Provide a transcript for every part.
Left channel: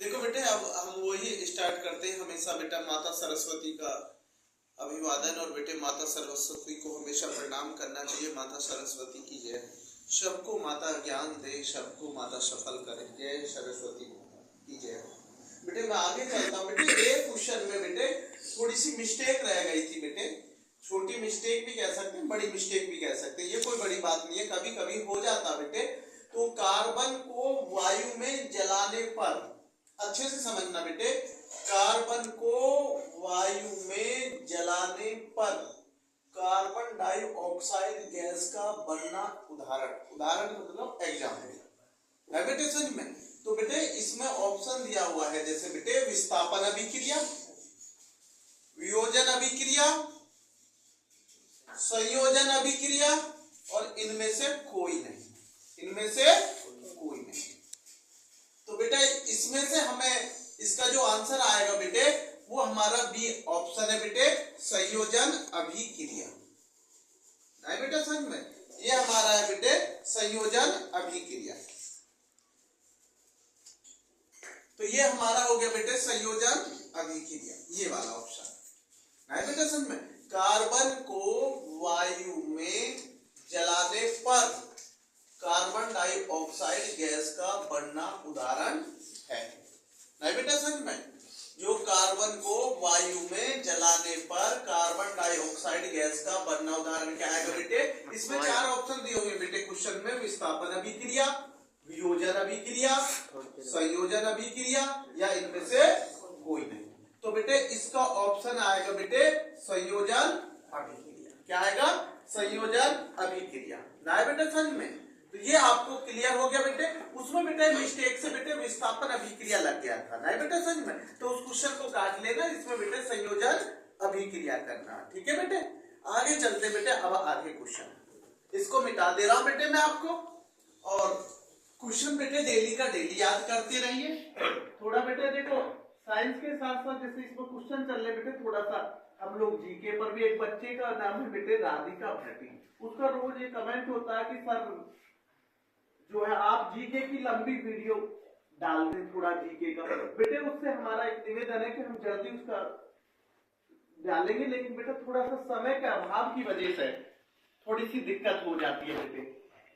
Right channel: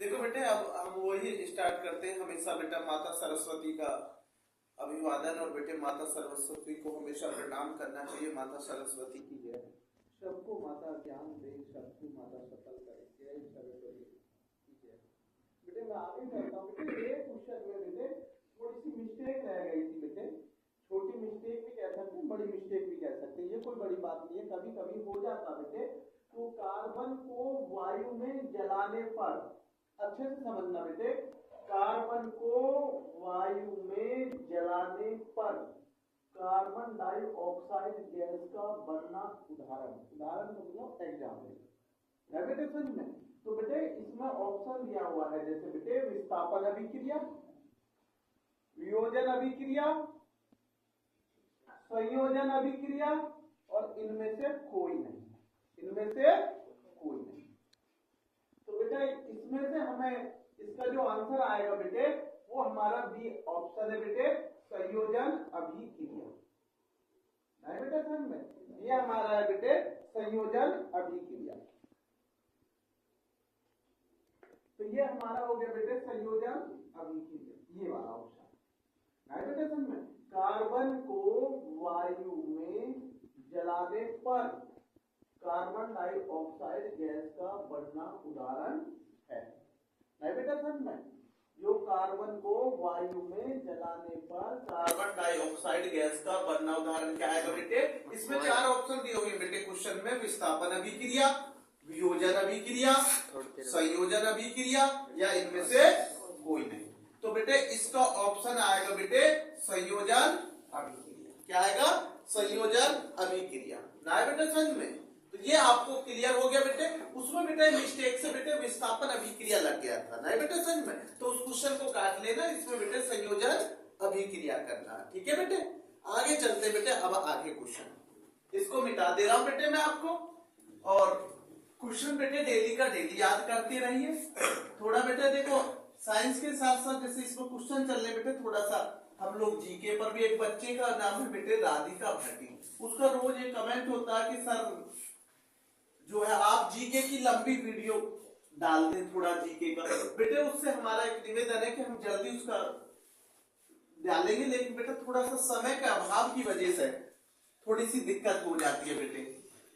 देखो बेटे, अब हम वही स्टार्ट करते हैं। हमेशा बेटा माता सरस्वती का अभिवादन, और बेटे माता सरस्वती को हमेशा प्रणाम करना चाहिए। माता सरस्वती की जय। सबको माता ज्ञान दे, सबको माता सफल करे। जय सरस्वती की जय। बेटे मैं आगे चलता हूँ। बेटे एक क्वेश्चन में बेटे थोड़ी सी मिस्टेक रह गई थी बेटे। छोटी मिस्टेक भी कह सकते हैं, बड़ी मिस्टेक भी कह सकते हैं। ये कोई बड़ी बात नहीं है, कभी कभी हो जाता बेटे। तो कार्बन को वायु में जलाने पर, अच्छे से समझना बेटे, कार्बन को वायु में जलाने पर कार्बन डाइऑक्साइड गैस का बनना, उदाहरण मतलब एग्जाम्पल है बेटे समझ में। तो बेटे इसमें ऑप्शन दिया हुआ है, जैसे बेटे विस्थापन अभिक्रिया, वियोजन अभिक्रिया, संयोजन अभिक्रिया, और इनमें से कोई नहीं, इनमें से कोई नहीं। तो बेटा इसमें से हमें इसका जो आंसर आएगा बेटे वो हमारा बी ऑप्शन है बेटे, संयोजन अभिक्रिया। नहीं बेटा समझ में, ये हमारा है बेटे संयोजन अभिक्रिया। तो ये हमारा हो गया बेटे संयोजन अभिक्रिया, ये वाला ऑप्शन। नहीं बेटा समझ में, कार्बन को वायु में जलाने पर कार्बन डाइऑक्साइड गैस का बनना उदाहरण है। नहीं बेटा समझ में, जो कार्बन को वायु में जलाने पर कार्बन डाइऑक्साइड गैस का बनना उदाहरण क्या है बेटे। इसमें चार ऑप्शन दिए हुए बेटे क्वेश्चन में, विस्थापन अभिक्रिया, वियोजन अभिक्रिया, संयोजन अभिक्रिया, या इनमें से कोई नहीं। तो बेटे इसका ऑप्शन आएगा बेटे संयोजन अभिक्रिया। क्या आएगा? संयोजन अभिक्रिया। ना बेटे समझ में, तो ये आपको क्लियर हो गया बेटे। उसमें बेटे मिस्टेक से बेटे विस्थापन अभिक्रिया लग गया था, नहीं बेटे समझ में, तो उस क्वेश्चन को काट लेना। इसमें बेटे संयोजन अभिक्रिया करना, ठीक है बेटे। आगे चलते बेटे, अब आगे क्वेश्चन, इसको मिटा दे रहा हूं बेटे मैं आपको। और क्वेश्चन बेटे डेली का डेली याद करते रहिए। थोड़ा बेटे देखो साइंस के साथ साथ जैसे इसमें क्वेश्चन चल रहे बेटे, थोड़ा सा हम लोग जीके पर भी, एक बच्चे का नाम है बेटे राधिका भट्टी, उसका रोज एक कमेंट होता है कि सर जो है आप जीके की लंबी वीडियो डाल दें, थोड़ा जीके का बेटे। उससे हमारा एक निवेदन है कि हम जल्दी उसका डालेंगे, लेकिन बेटा थोड़ा सा समय के अभाव की वजह से थोड़ी सी दिक्कत हो जाती है बेटे।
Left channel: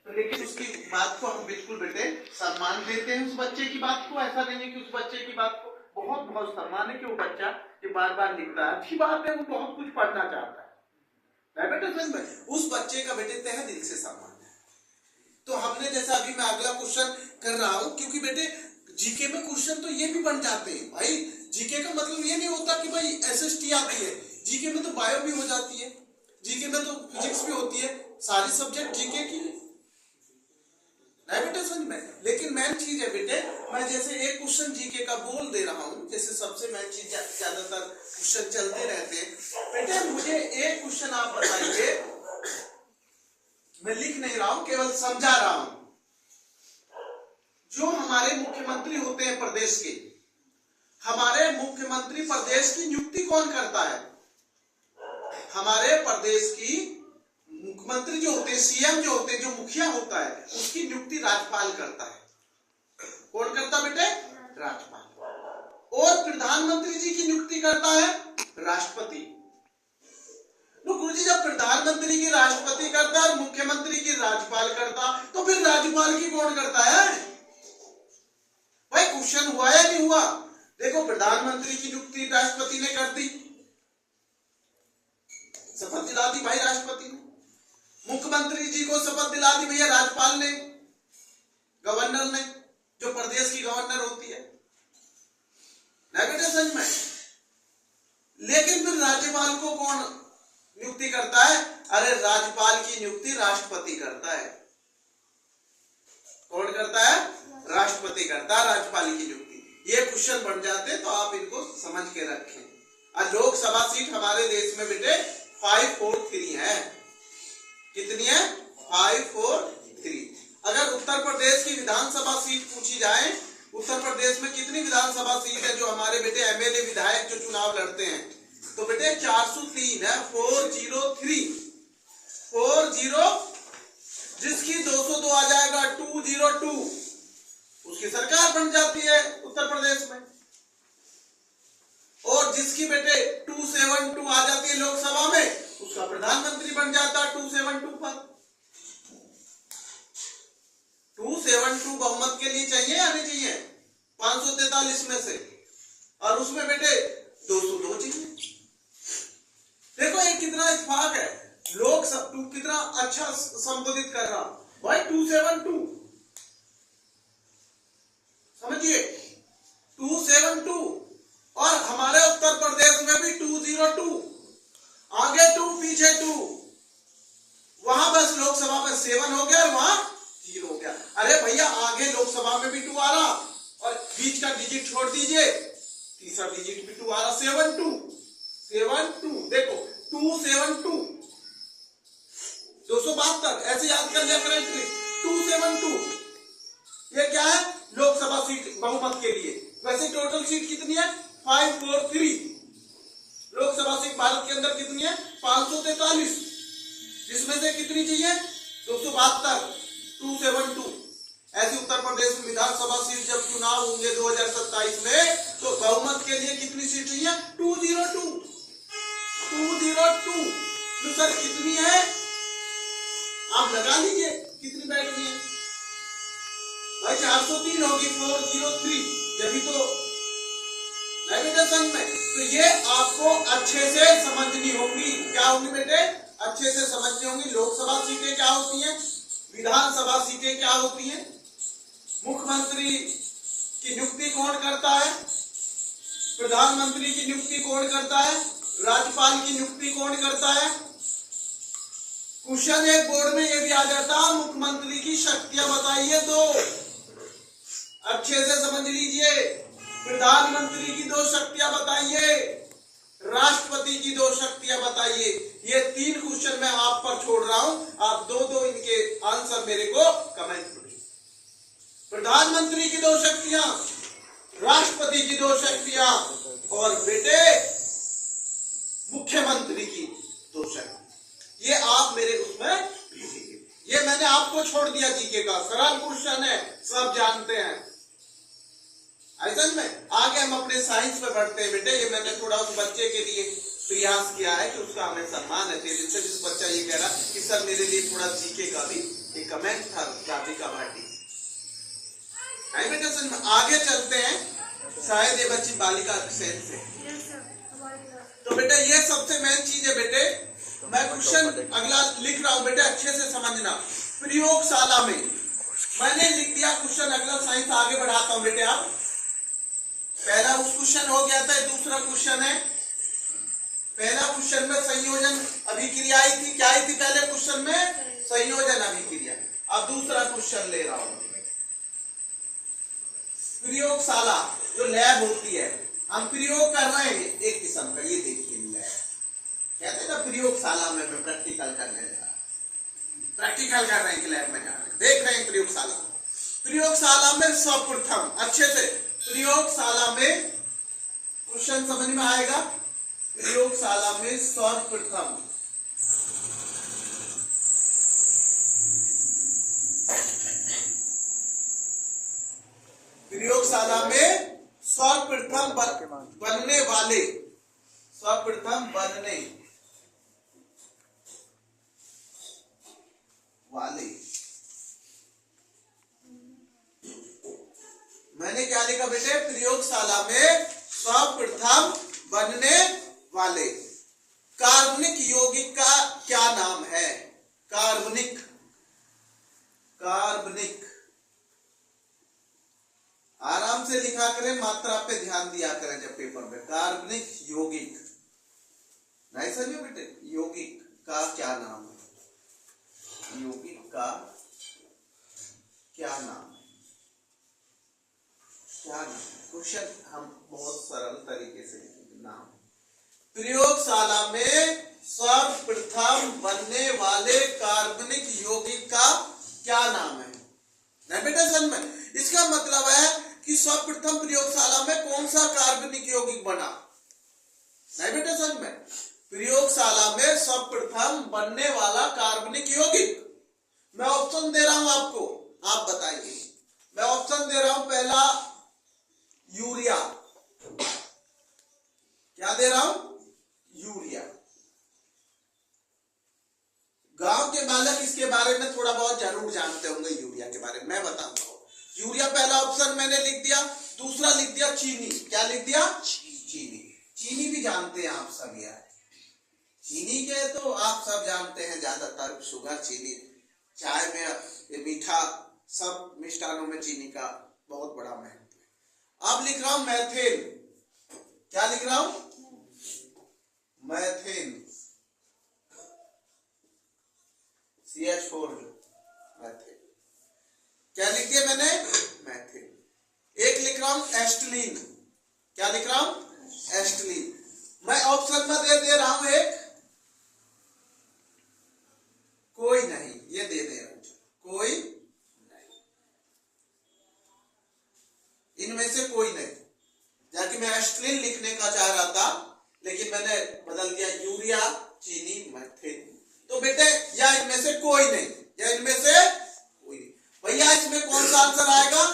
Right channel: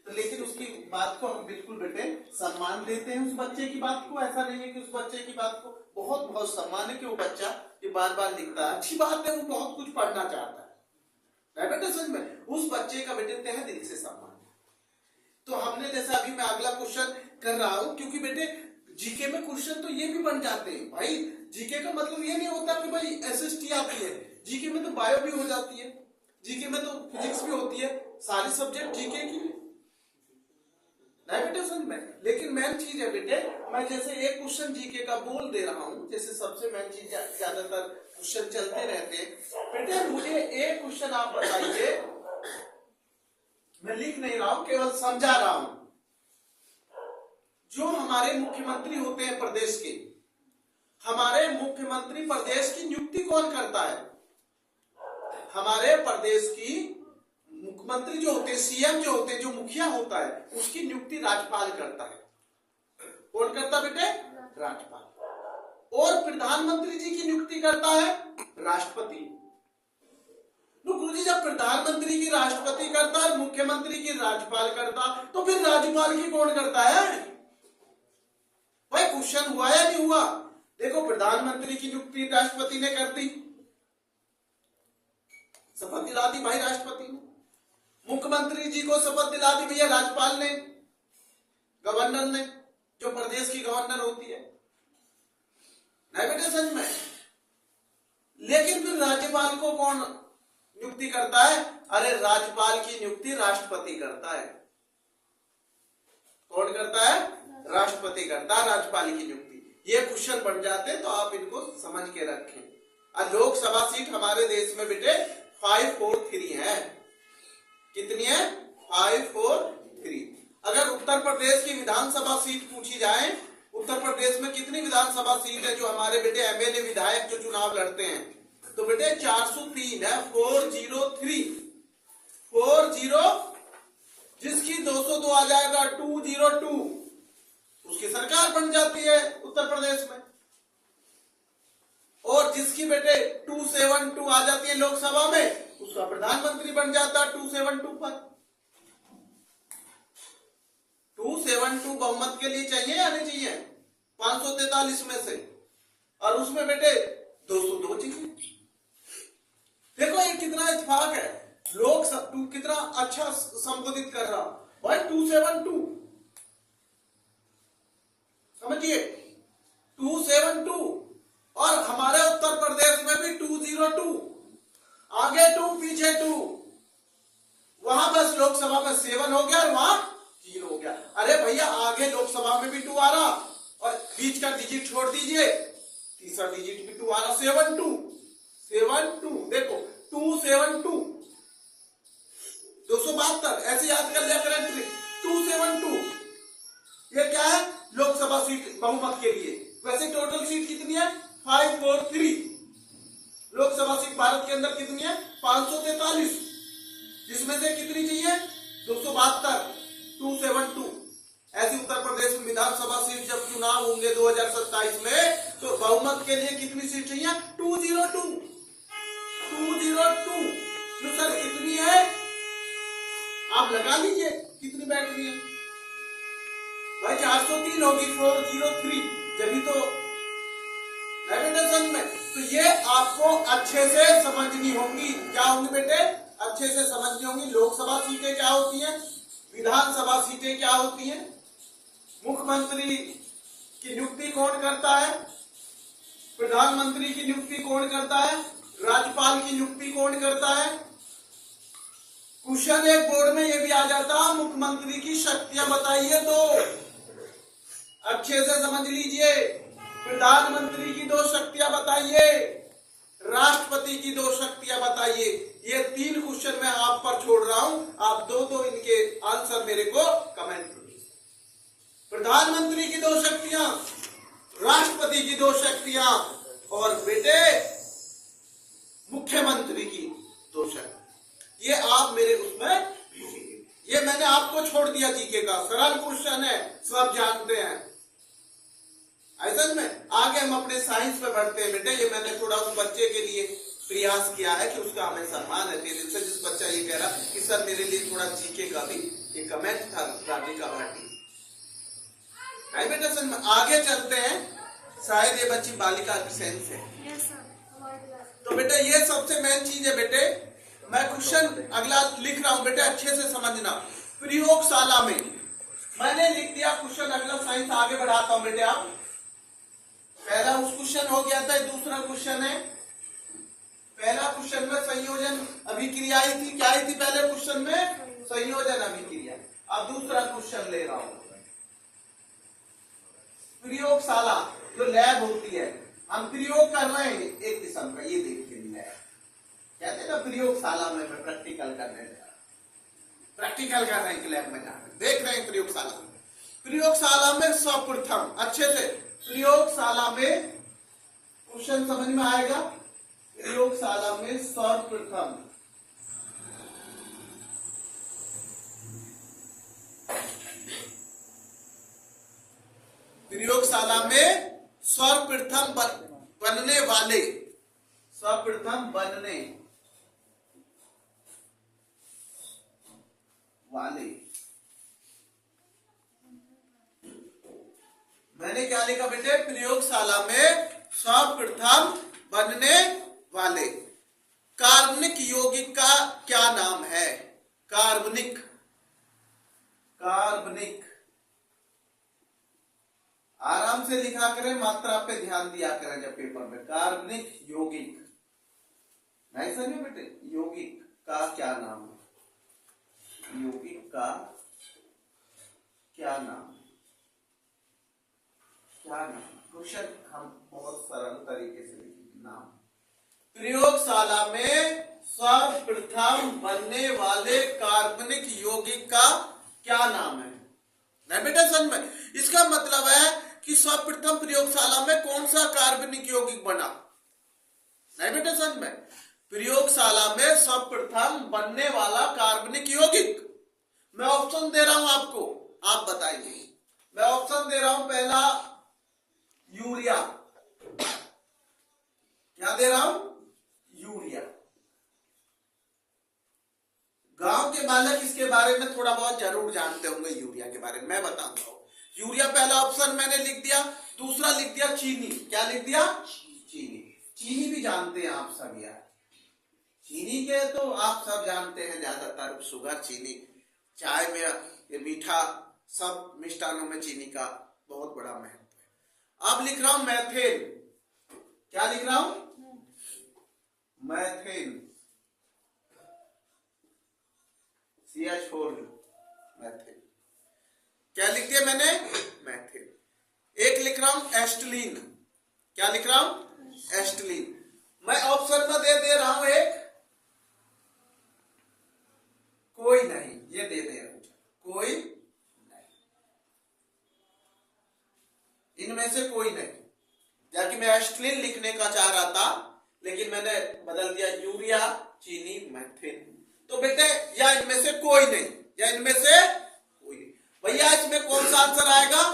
तो लेकिन उसकी बात को हम बिल्कुल बेटे सम्मान देते हैं, उस बच्चे की बात को। ऐसा नहीं है कि उस बच्चे की बात को बहुत बहुत सम्मान है कि वो बच्चा जो बार बार लिखता है, अच्छी बात है, वो बहुत कुछ पढ़ना चाहता है बेटे सच में। उस बच्चे का बेटे तहे दिल से सम्मान। तो हमने जैसा अभी मैं अगला क्वेश्चन कर रहा हूं, क्योंकि बेटे जीके में क्वेश्चन तो ये भी बन जाते हैं भाई। जीके का मतलब ये नहीं होता कि भाई एसएसटी आती है, जीके में तो बायो भी हो जाती है, जीके में तो फिजिक्स भी होती है, सारी सब्जेक्ट जीके की नहीं बेटे समझ में। लेकिन मेन चीज है बेटे, मैं जैसे एक क्वेश्चन जीके का बोल दे रहा हूं, जैसे सबसे मेन चीज ज्यादातर क्वेश्चन चलते रहते हैं बेटे। मुझे एक क्वेश्चन आप बताइए, मैं लिख नहीं रहा हूं, केवल समझा रहा हूं। जो हमारे मुख्यमंत्री होते हैं प्रदेश के, हमारे मुख्यमंत्री प्रदेश की नियुक्ति कौन करता है? हमारे प्रदेश की मुख्यमंत्री जो होते हैं, सीएम जो होते हैं, जो मुखिया होता है, उसकी नियुक्ति राज्यपाल करता है। कौन करता बेटे? राज्यपाल। और प्रधानमंत्री जी की नियुक्ति करता है राष्ट्रपति। गुरुजी जब प्रधानमंत्री की राष्ट्रपति करता है, मुख्यमंत्री की राज्यपाल करता, तो फिर राज्यपाल की कौन करता है भाई? क्वेश्चन हुआ या नहीं हुआ? देखो प्रधानमंत्री की नियुक्ति राष्ट्रपति ने कर दी, शपथ दिला दी भाई राष्ट्रपति ने। मुख्यमंत्री जी को शपथ दिला दी भैया राज्यपाल ने, गवर्नर ने, जो प्रदेश की गवर्नर होती है, नहीं बेटे समझ में। लेकिन फिर राज्यपाल को कौन नियुक्ति करता है? अरे राज्यपाल की नियुक्ति राष्ट्रपति करता है। कौन करता है? राष्ट्रपति करता है राज्यपाल की नियुक्ति। ये क्वेश्चन बन जाते तो आप इनको समझ के रखें। और लोकसभा सीट हमारे देश में बेटे 543 है। कितनी है? 543। अगर उत्तर प्रदेश की विधानसभा सीट पूछी जाए, उत्तर प्रदेश में कितनी विधानसभा सीट है जो हमारे बेटे एमएलए विधायक जो चुनाव लड़ते हैं, तो बेटे 403 है। 403 जिसकी 202 आ जाएगा 202, उसकी सरकार बन जाती है। उत्तर प्रदेश में। और जिसकी बेटे 272 आ जाती है लोकसभा में, उसका प्रधानमंत्री बन जाता 272 पर। 272 बहुमत के लिए चाहिए या नहीं चाहिए? 543 में से, और उसमें बेटे 202 चाहिए। देखो ये कितना इत्तेफाक है, लोग सब कितना अच्छा संबोधित कर रहा भाई। 272 समझिए, 272, और हमारे उत्तर प्रदेश में भी 202, आगे 2 पीछे 2, वहां बस लोकसभा में 7 हो गया और वहां 0 हो गया। अरे भैया आगे लोकसभा में भी 2 आ रहा, और बीच का डिजिट छोड़ दीजिए, तीसरा डिजिट भी 2 आ रहा, 72 देखो 272 272 ऐसे याद कर लिया करें। 272 ये क्या है? लोकसभा सीट बहुमत के लिए। वैसे टोटल सीट कितनी है? 543। लोकसभा सीट भारत के अंदर कितनी है? 543, जिसमें से कितनी चाहिए? 272, 272। ऐसे उत्तर प्रदेश में विधानसभा सीट जब चुनाव होंगे 2027 में, तो बहुमत के लिए कितनी सीट चाहिए? 202। तो सर कितनी है? आप लगा लीजिए कितनी बैठ रही है भाई। 403 होगी, 403, जब भी तो नेविगेशन में। तो ये आपको अच्छे से समझनी होगी। क्या होंगी बेटे? अच्छे से समझनी होंगी। लोकसभा सीटें क्या होती हैं, विधानसभा सीटें क्या होती हैं, मुख्यमंत्री की नियुक्ति कौन करता है, प्रधानमंत्री की नियुक्ति कौन करता है, राज्यपाल की नियुक्ति कौन करता है। क्वेश्चन एक बोर्ड में ये भी आ जाता, मुख्यमंत्री की शक्तियां बताइए, तो अच्छे से समझ लीजिए। प्रधानमंत्री की 2 शक्तियां बताइए, राष्ट्रपति की 2 शक्तियां बताइए। ये 3 क्वेश्चन मैं आप पर छोड़ रहा हूं, आप 2 इनके आंसर मेरे को कमेंट करिए। प्रधानमंत्री की 2 शक्तियां, राष्ट्रपति की 2 शक्तियां, और बेटे मुख्यमंत्री की 2 शक्तियां। ये आप मेरे उसमें, ये मैंने आपको छोड़ दिया जीके का, सरल क्वेश्चन है, सब जानते हैं। ऐसा में आगे हम अपने साइंस में बढ़ते हैं बेटे। ये मैंने थोड़ा उस बच्चे के लिए प्रयास किया है कि उसका हमें सम्मान है तेरे से, जिस बच्चा ये कह रहा कि सर मेरे लिए थोड़ा जीके का भी एक कमेंट था राधिका भाटी। में आगे चलते हैं, शायद ये बच्ची बालिका सेंस है। तो बेटा ये सबसे मेन चीज है बेटे। मैं क्वेश्चन अगला लिख रहा हूं बेटे, अच्छे से समझना। प्रयोगशाला में मैंने लिख दिया क्वेश्चन अगला, साइंस आगे बढ़ाता हूं बेटे। आप पहला उस क्वेश्चन हो गया था, दूसरा क्वेश्चन है। पहला क्वेश्चन में संयोजन अभिक्रिया आई थी, क्या आई थी पहले क्वेश्चन में? संयोजन अभिक्रिया। अब दूसरा क्वेश्चन ले रहा हूं, प्रयोगशाला जो लैब होती है, हम प्रयोग कर रहे हैं एक किस्म का, ये देखिए लैब कहते हैं ना, प्रयोगशाला में प्रैक्टिकल करने जा रहा, प्रैक्टिकल कर रहे हैं लैब में जाकर देख रहे हैं प्रयोगशाला। प्रयोगशाला में सर्वप्रथम, अच्छे से प्रयोगशाला में क्वेश्चन समझ में आएगा। प्रयोगशाला में सर्वप्रथम प्रयोगशाला में सर्वप्रथम बनने वाले, सर्वप्रथम बनने वाले, मैंने क्या लिखा बेटे? प्रयोगशाला में सर्वप्रथम बनने वाले कार्बनिक यौगिक का क्या नाम है? कार्बनिक, कार्बनिक आराम से लिखा करें, मात्रा पे ध्यान दिया करें जब पेपर में। कार्बनिक यौगिक, नहीं समझे बेटे? यौगिक का क्या नाम है? यौगिक का क्या नाम है? क्या नाम? क्वेश्चन हम बहुत सरल तरीके से नाम। प्रयोगशाला में सर्वप्रथम बनने वाले कार्बनिक यौगिक का क्या नाम है? नहीं बेटा समझ में, इसका मतलब है कि सर्वप्रथम प्रयोगशाला में कौन सा कार्बनिक यौगिक बना? नहीं बेटा समझ में, प्रयोगशाला में सर्वप्रथम बनने वाला कार्बनिक यौगिक। मैं ऑप्शन दे रहा हूं आपको, आप बताइए। मैं ऑप्शन दे रहा हूं, पहला यूरिया पहला ऑप्शन मैंने लिख दिया। दूसरा लिख दिया चीनी। क्या लिख दिया? चीनी। चीनी भी जानते हैं आप सब यार, चीनी के तो आप सब जानते हैं, ज्यादातर शुगर, चीनी, चाय में, मीठा, सब मिष्टानों में चीनी का बहुत बड़ा महत्व है। अब लिख रहा हूं मैथेन। क्या लिख रहा हूं? Methane, CH4 methane. क्या लिख दिया मैंने? मैथेन। एक लिख रहा हूं एस्टिलीन। क्या लिख रहा हूं? एस्टिलीन। मैं ऑप्शन में दे रहा हूं एक, कोई नहीं, ये दे रहा हूं, कोई नहीं, इनमें से कोई नहीं। जबकि मैं एस्टिलीन लिखने का चाह रहा था, लेकिन मैंने बदल दिया यूरिया, चीनी, मैथेन। तो बेटे या इनमें से कोई नहीं, या इनमें से कोई नहीं। भैया इसमें कौन सा आंसर आएगा?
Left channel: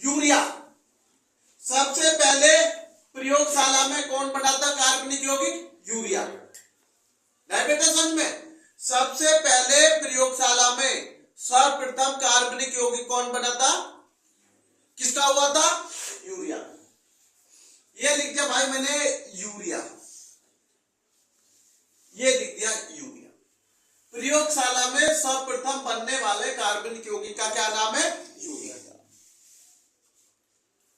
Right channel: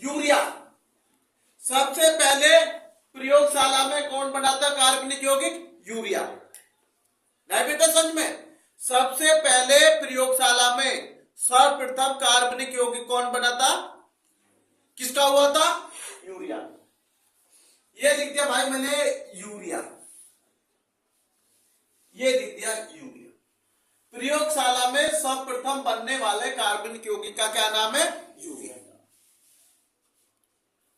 यूरिया। सबसे पहले प्रयोगशाला में कौन बनाता कार्बनिक यौगिक? यूरिया। नहीं बेटा समझ में? सबसे पहले प्रयोगशाला में सर्वप्रथम कार्बनिक यौगिक कौन बनाता? किसका हुआ था? यूरिया। ये लिख दिया भाई मैंने यूरिया, ये लिख दिया यूरिया। प्रयोगशाला में सर्वप्रथम बनने वाले कार्बनिक यौगिक का क्या नाम है? यूरिया।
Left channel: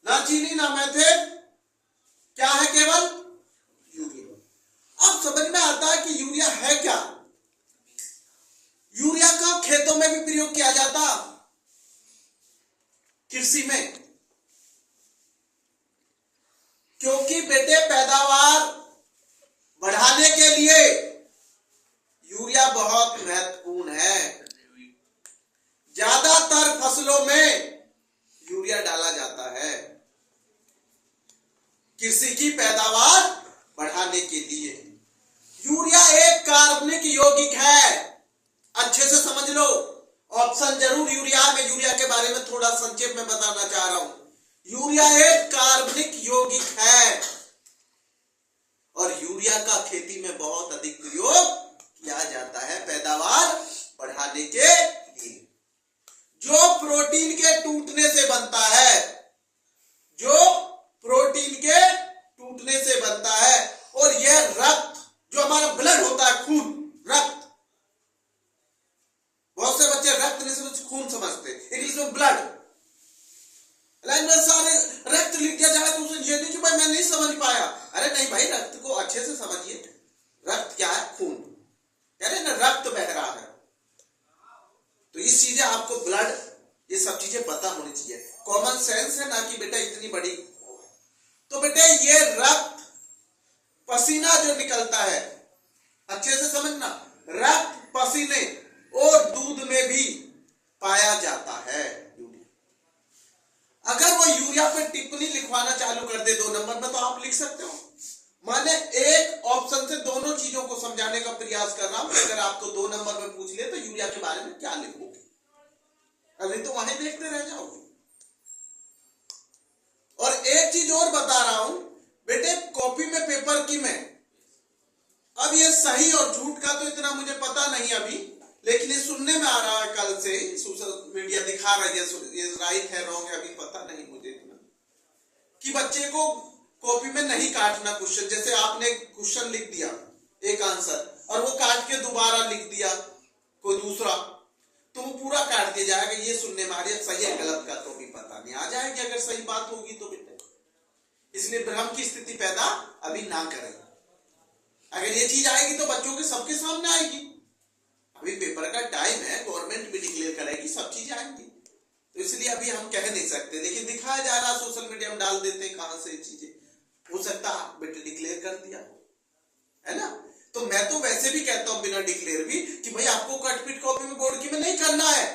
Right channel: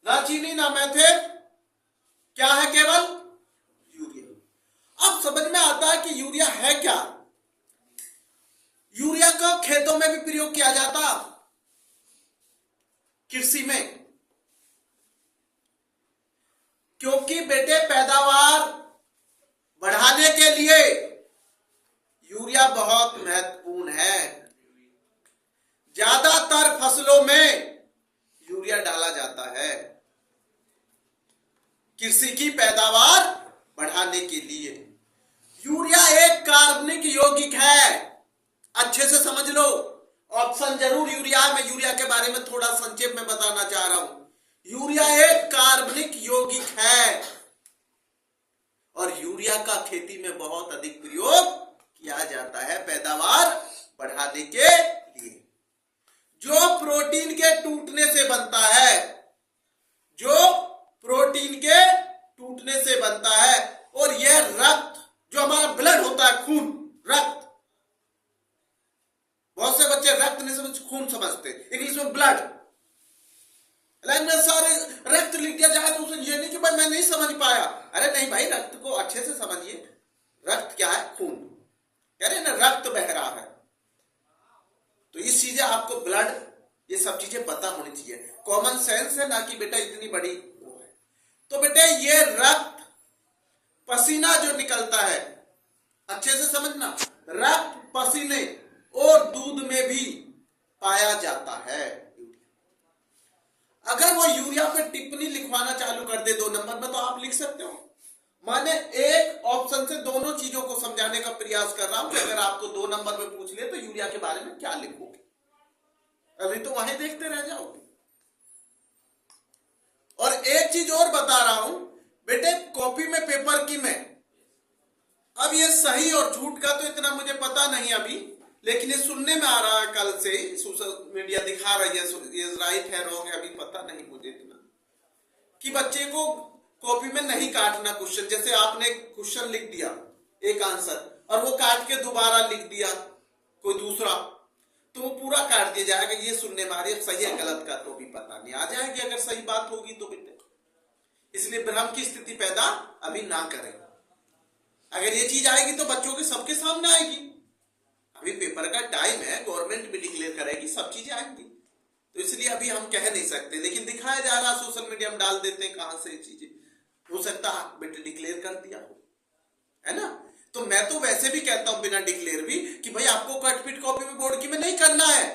ना चीनी ना मैथेन, क्या है? केवल यूरिया। अब समझ में आता है कि यूरिया है क्या। यूरिया को खेतों में भी प्रयोग किया जाता, कृषि में, क्योंकि बेटे पैदावार बढ़ाने के लिए यूरिया बहुत महत्वपूर्ण है। ज्यादातर फसलों में यूरिया डाला जाता है कृषि की पैदावार बढ़ाने के लिए। यूरिया एक कार्बनिक यौगिक है, अच्छे से समझ लो। ऑप्शन जरूर यूरिया में, यूरिया के बारे में थोड़ा संक्षेप में बताना चाह रहा हूं। यूरिया एक कार्बनिक यौगिक है और यूरिया का खेती में बहुत अधिक प्रयोग किया जाता है पैदावार बढ़ाने के लिए। जो प्रोटीन के टूटने से बनता है, जो प्रोटीन के टूटने से बनता है, और यह रक्त, जो हमारा ब्लड होता है, खून, रक्त, बहुत से बच्चे रक्त नहीं समझ, खून समझते, इंग्लिश में ब्लड। सारे रक्त लिख दिया जाए तो उसे ये नहीं कि भाई मैं नहीं समझ पाया। अरे नहीं भाई, रक्त को अच्छे से समझिए। रक्त क्या है? खून। कह रहे ना रक्त बह रहा है, तो ये चीजें आपको, ब्लड, ये सब चीजें पता होनी चाहिए। कॉमन सेंस है ना कि बेटा इतनी बड़ी वो है। तो बेटे ये रक्त, पसीना जो निकलता है, अच्छे से समझना, रक्त, पसीने और दूध में भी पाया जाता है। अगर वो यूरिया पर टिप्पणी लिखवाना चालू कर दे 2 नंबर में, तो आप लिख सकते हो। मैंने एक ऑप्शन से दोनों चीजों को समझाने का प्रयास कर रहा हूं कि अगर आपको 2 नंबर में पूछ ले तो यूरिया के बारे में क्या लिखोगे। अभी तो वहीं देखते रह जाओगे। और एक चीज और बता रहा हूं बेटे, कॉपी में, पेपर की में, अब ये सही और झूठ का तो इतना मुझे पता नहीं अभी, लेकिन ये सुनने में आ रहा है, कल से सोशल मीडिया दिखा रही है, ये राइट है रॉन्ग है अभी पता नहीं मुझे इतना, कि बच्चे को कॉपी में नहीं काटना क्वेश्चन। जैसे आपने क्वेश्चन लिख दिया एक आंसर और वो काट के दोबारा लिख दिया कोई दूसरा, तो वो पूरा काट दिया जाएगा। ये सुनने में आ रही है, सही है गलत का तो भी पता नहीं, आ जाएगी अगर सही बात होगी तो बेटे। इसलिए भ्रम की स्थिति पैदा अभी ना करें। अगर ये चीज आएगी तो बच्चों के सबके सामने आएगी। अभी पेपर का टाइम है, गवर्नमेंट भी डिक्लेयर करेगी, सब चीजें आएंगी, तो इसलिए अभी हम कह नहीं सकते, लेकिन दिखाया जा रहा, सोशल मीडिया में डाल देते हैं, कहां से चीजें हो सकता बेटे डिक्लेयर कर दिया है ना। तो मैं तो वैसे भी कहता हूं बिना डिक्लेयर भी कि भाई आपको कटपीट कॉपी में, बोर्ड की में नहीं करना है।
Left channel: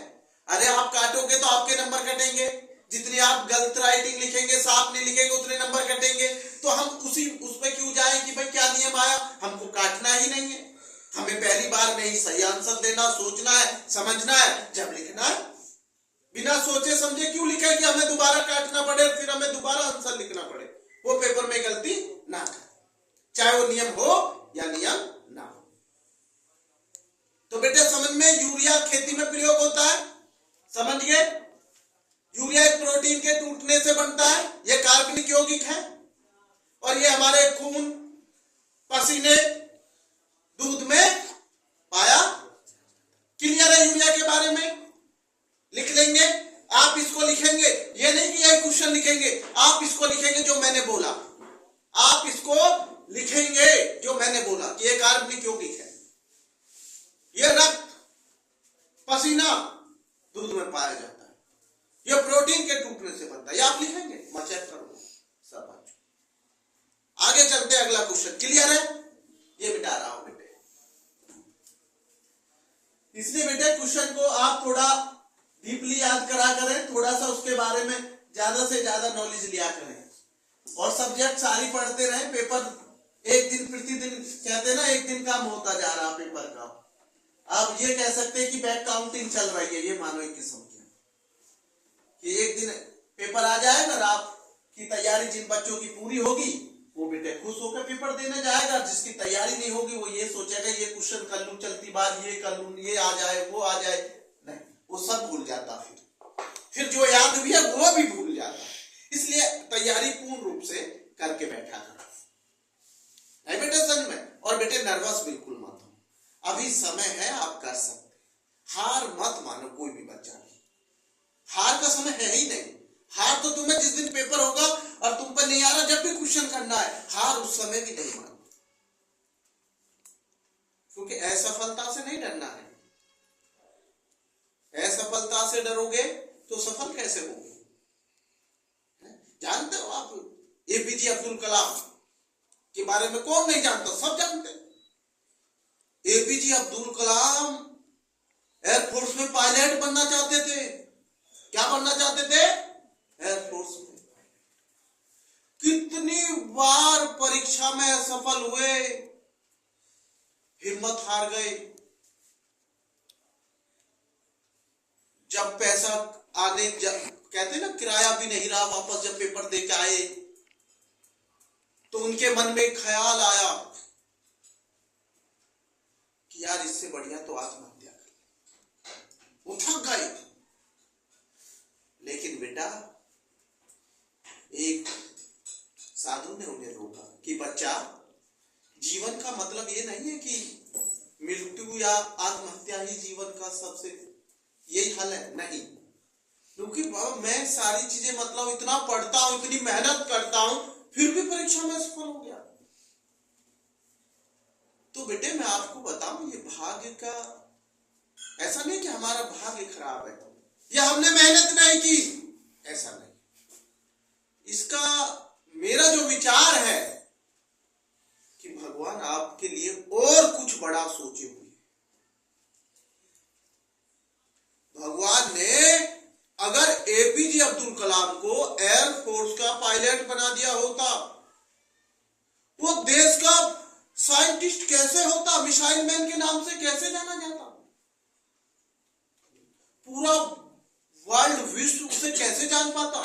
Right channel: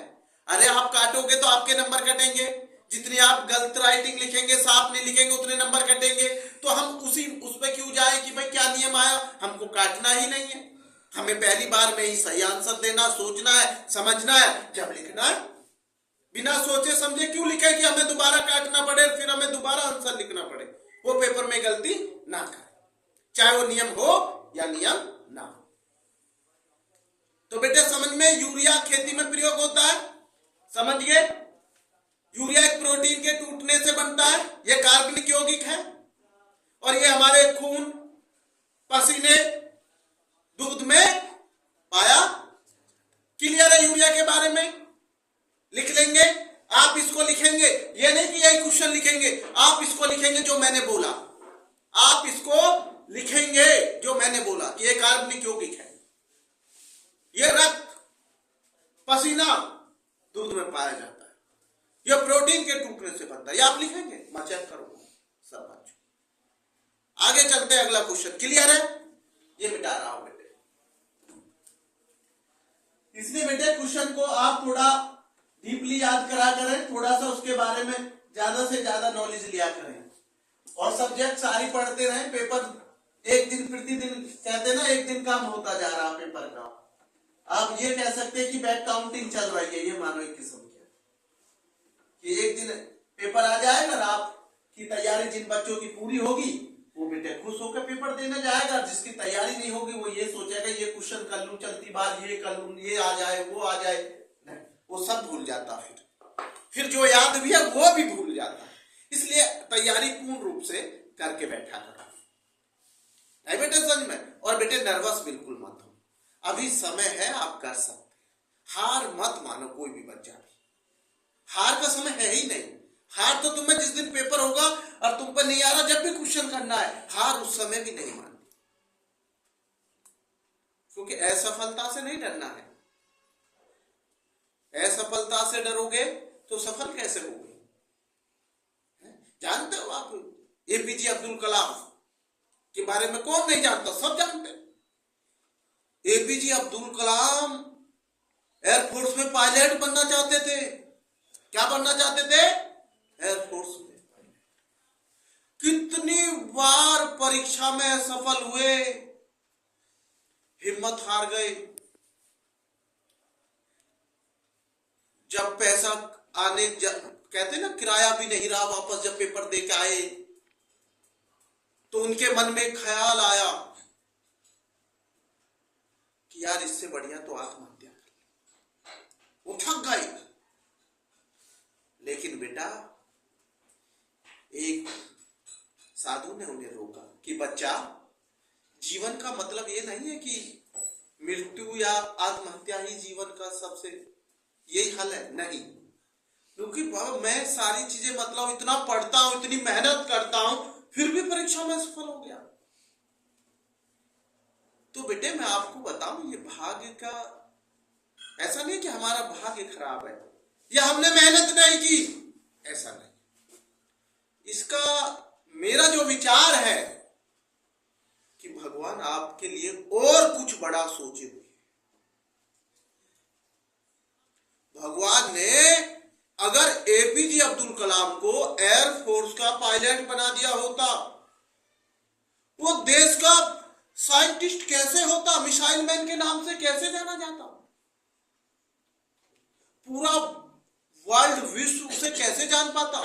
अरे आप काटोगे तो आपके नंबर कटेंगे, जितनी आप गलत राइटिंग लिखेंगे, साफ नहीं लिखेंगे, उतने नंबर कटेंगे। तो हम उस पर क्यों जाए कि भाई क्या नियम आया, हमको काटना ही नहीं है। हमें पहली बार में ही सही आंसर देना, सोचना है, समझना है, जब लिखना है। बिना सोचे समझे क्यों लिखे कि हमें दोबारा काटना पड़े, फिर हमें दोबारा आंसर लिखना पड़े। वो पेपर में गलती ना करें, चाहे वो नियम हो या नियम ना हो। तो बेटे समझ में, यूरिया खेती में प्रयोग होता है, समझ गए। यूरिया एक प्रोटीन के टूटने से बनता है, यह कार्बनिक यौगिक है, और ये हमारे खून, पसीने, दूध में पाया। क्लियर है यूरिया के बारे में? लिख लेंगे। आप इसको लिखेंगे, ये नहीं कि यही क्वेश्चन लिखेंगे, आप इसको लिखेंगे जो मैंने बोला, आप इसको लिखेंगे जो मैंने बोला कि ये कार्बनिक यौगिक है, ये रक्त, पसीना, दूध में पाया जाता है, ये प्रोटीन के टूटने से बनता है, ये आप लिखेंगे, मैं चेक करूंगा सब। आगे चलते हैं, अगला क्वेश्चन। क्लियर है? ये मिटा रहा हूं बेटे, इसलिए बेटे क्वेश्चन को आप थोड़ा डीपली याद करा करें, थोड़ा सा उसके बारे में ज्यादा से ज्यादा नॉलेज लिया करें, और सब्जेक्ट सारी पढ़ते रहें। पेपर एक दिन प्रतिदिन, कहते हैं ना, एक दिन काम होता जा रहा पेपर का। आप ये कह सकते हैं कि बैक काउंटिंग चल रही है, ये मानो एक किस्म कि एक दिन पेपर आ जाएगा और आपकी तैयारी जिन बच्चों की पूरी होगी वो बेटे खुश होकर पेपर देने जाएगा, जिसकी तैयारी नहीं होगी वो ये सोचेगा ये क्वेश्चन कर लूं चलती बात, ये कर लूं, ये आ जाए, वो आ जाए, नहीं, वो सब भूल जाता, फिर जो याद भी है वो भी भूल जाता है। इसलिए तैयारी पूर्ण रूप से करके बैठा करो, नहीं बेटे समझ में। और बेटे नर्वस बिल्कुल मत हो, अभी समय है, आप कर सकते, हार मत मानो कोई भी बच्चा, हार का समय है ही नहीं। हार तो तुम्हें जिस दिन पेपर होगा और तुम पर नहीं आ रहा, जब भी क्वेश्चन करना है, हार उस समय भी नहीं माननी, क्योंकि असफलता से नहीं डरना है। असफलता से डरोगे तो सफल कैसे होगे? जानते हो आप एपीजे अब्दुल कलाम के बारे में कौन नहीं जानता? सब जानते हैं। एपीजे अब्दुल कलाम एयरफोर्स में पायलट बनना चाहते थे। क्या बनना चाहते थे? एयरफोर्स में। कितनी बार परीक्षा में असफल हुए, हिम्मत हार गए। जब पैसा आने, कहते ना किराया भी नहीं रहा, वापस जब पेपर दे के आए तो उनके मन में ख्याल आया कि यार इससे बढ़िया तो आत्महत्या कर। वो थक गए। लेकिन बेटा एक साधु ने उन्हें रोका कि बच्चा, जीवन का मतलब ये नहीं है कि मृत्यु या आत्महत्या ही जीवन का सबसे यही हल है, नहीं। क्योंकि बाबा मैं सारी चीजें, मतलब इतना पढ़ता हूं, इतनी मेहनत करता हूं, फिर भी परीक्षा में सफल हो गया। तो बेटे मैं आपको बताऊं, ये भाग्य का, ऐसा नहीं कि हमारा भाग्य खराब है या हमने मेहनत नहीं की, ऐसा नहीं। इसका मेरा जो विचार है कि भगवान आपके लिए और कुछ बड़ा सोचे हुए। भगवान ने अगर एपीजे अब्दुल कलाम को एयरफोर्स का पायलट बना दिया होता, वो देश का साइंटिस्ट कैसे होता, मिसाइल मैन के नाम से कैसे जाना जाता, पूरा वर्ल्ड, विश्व उसे कैसे जान पाता।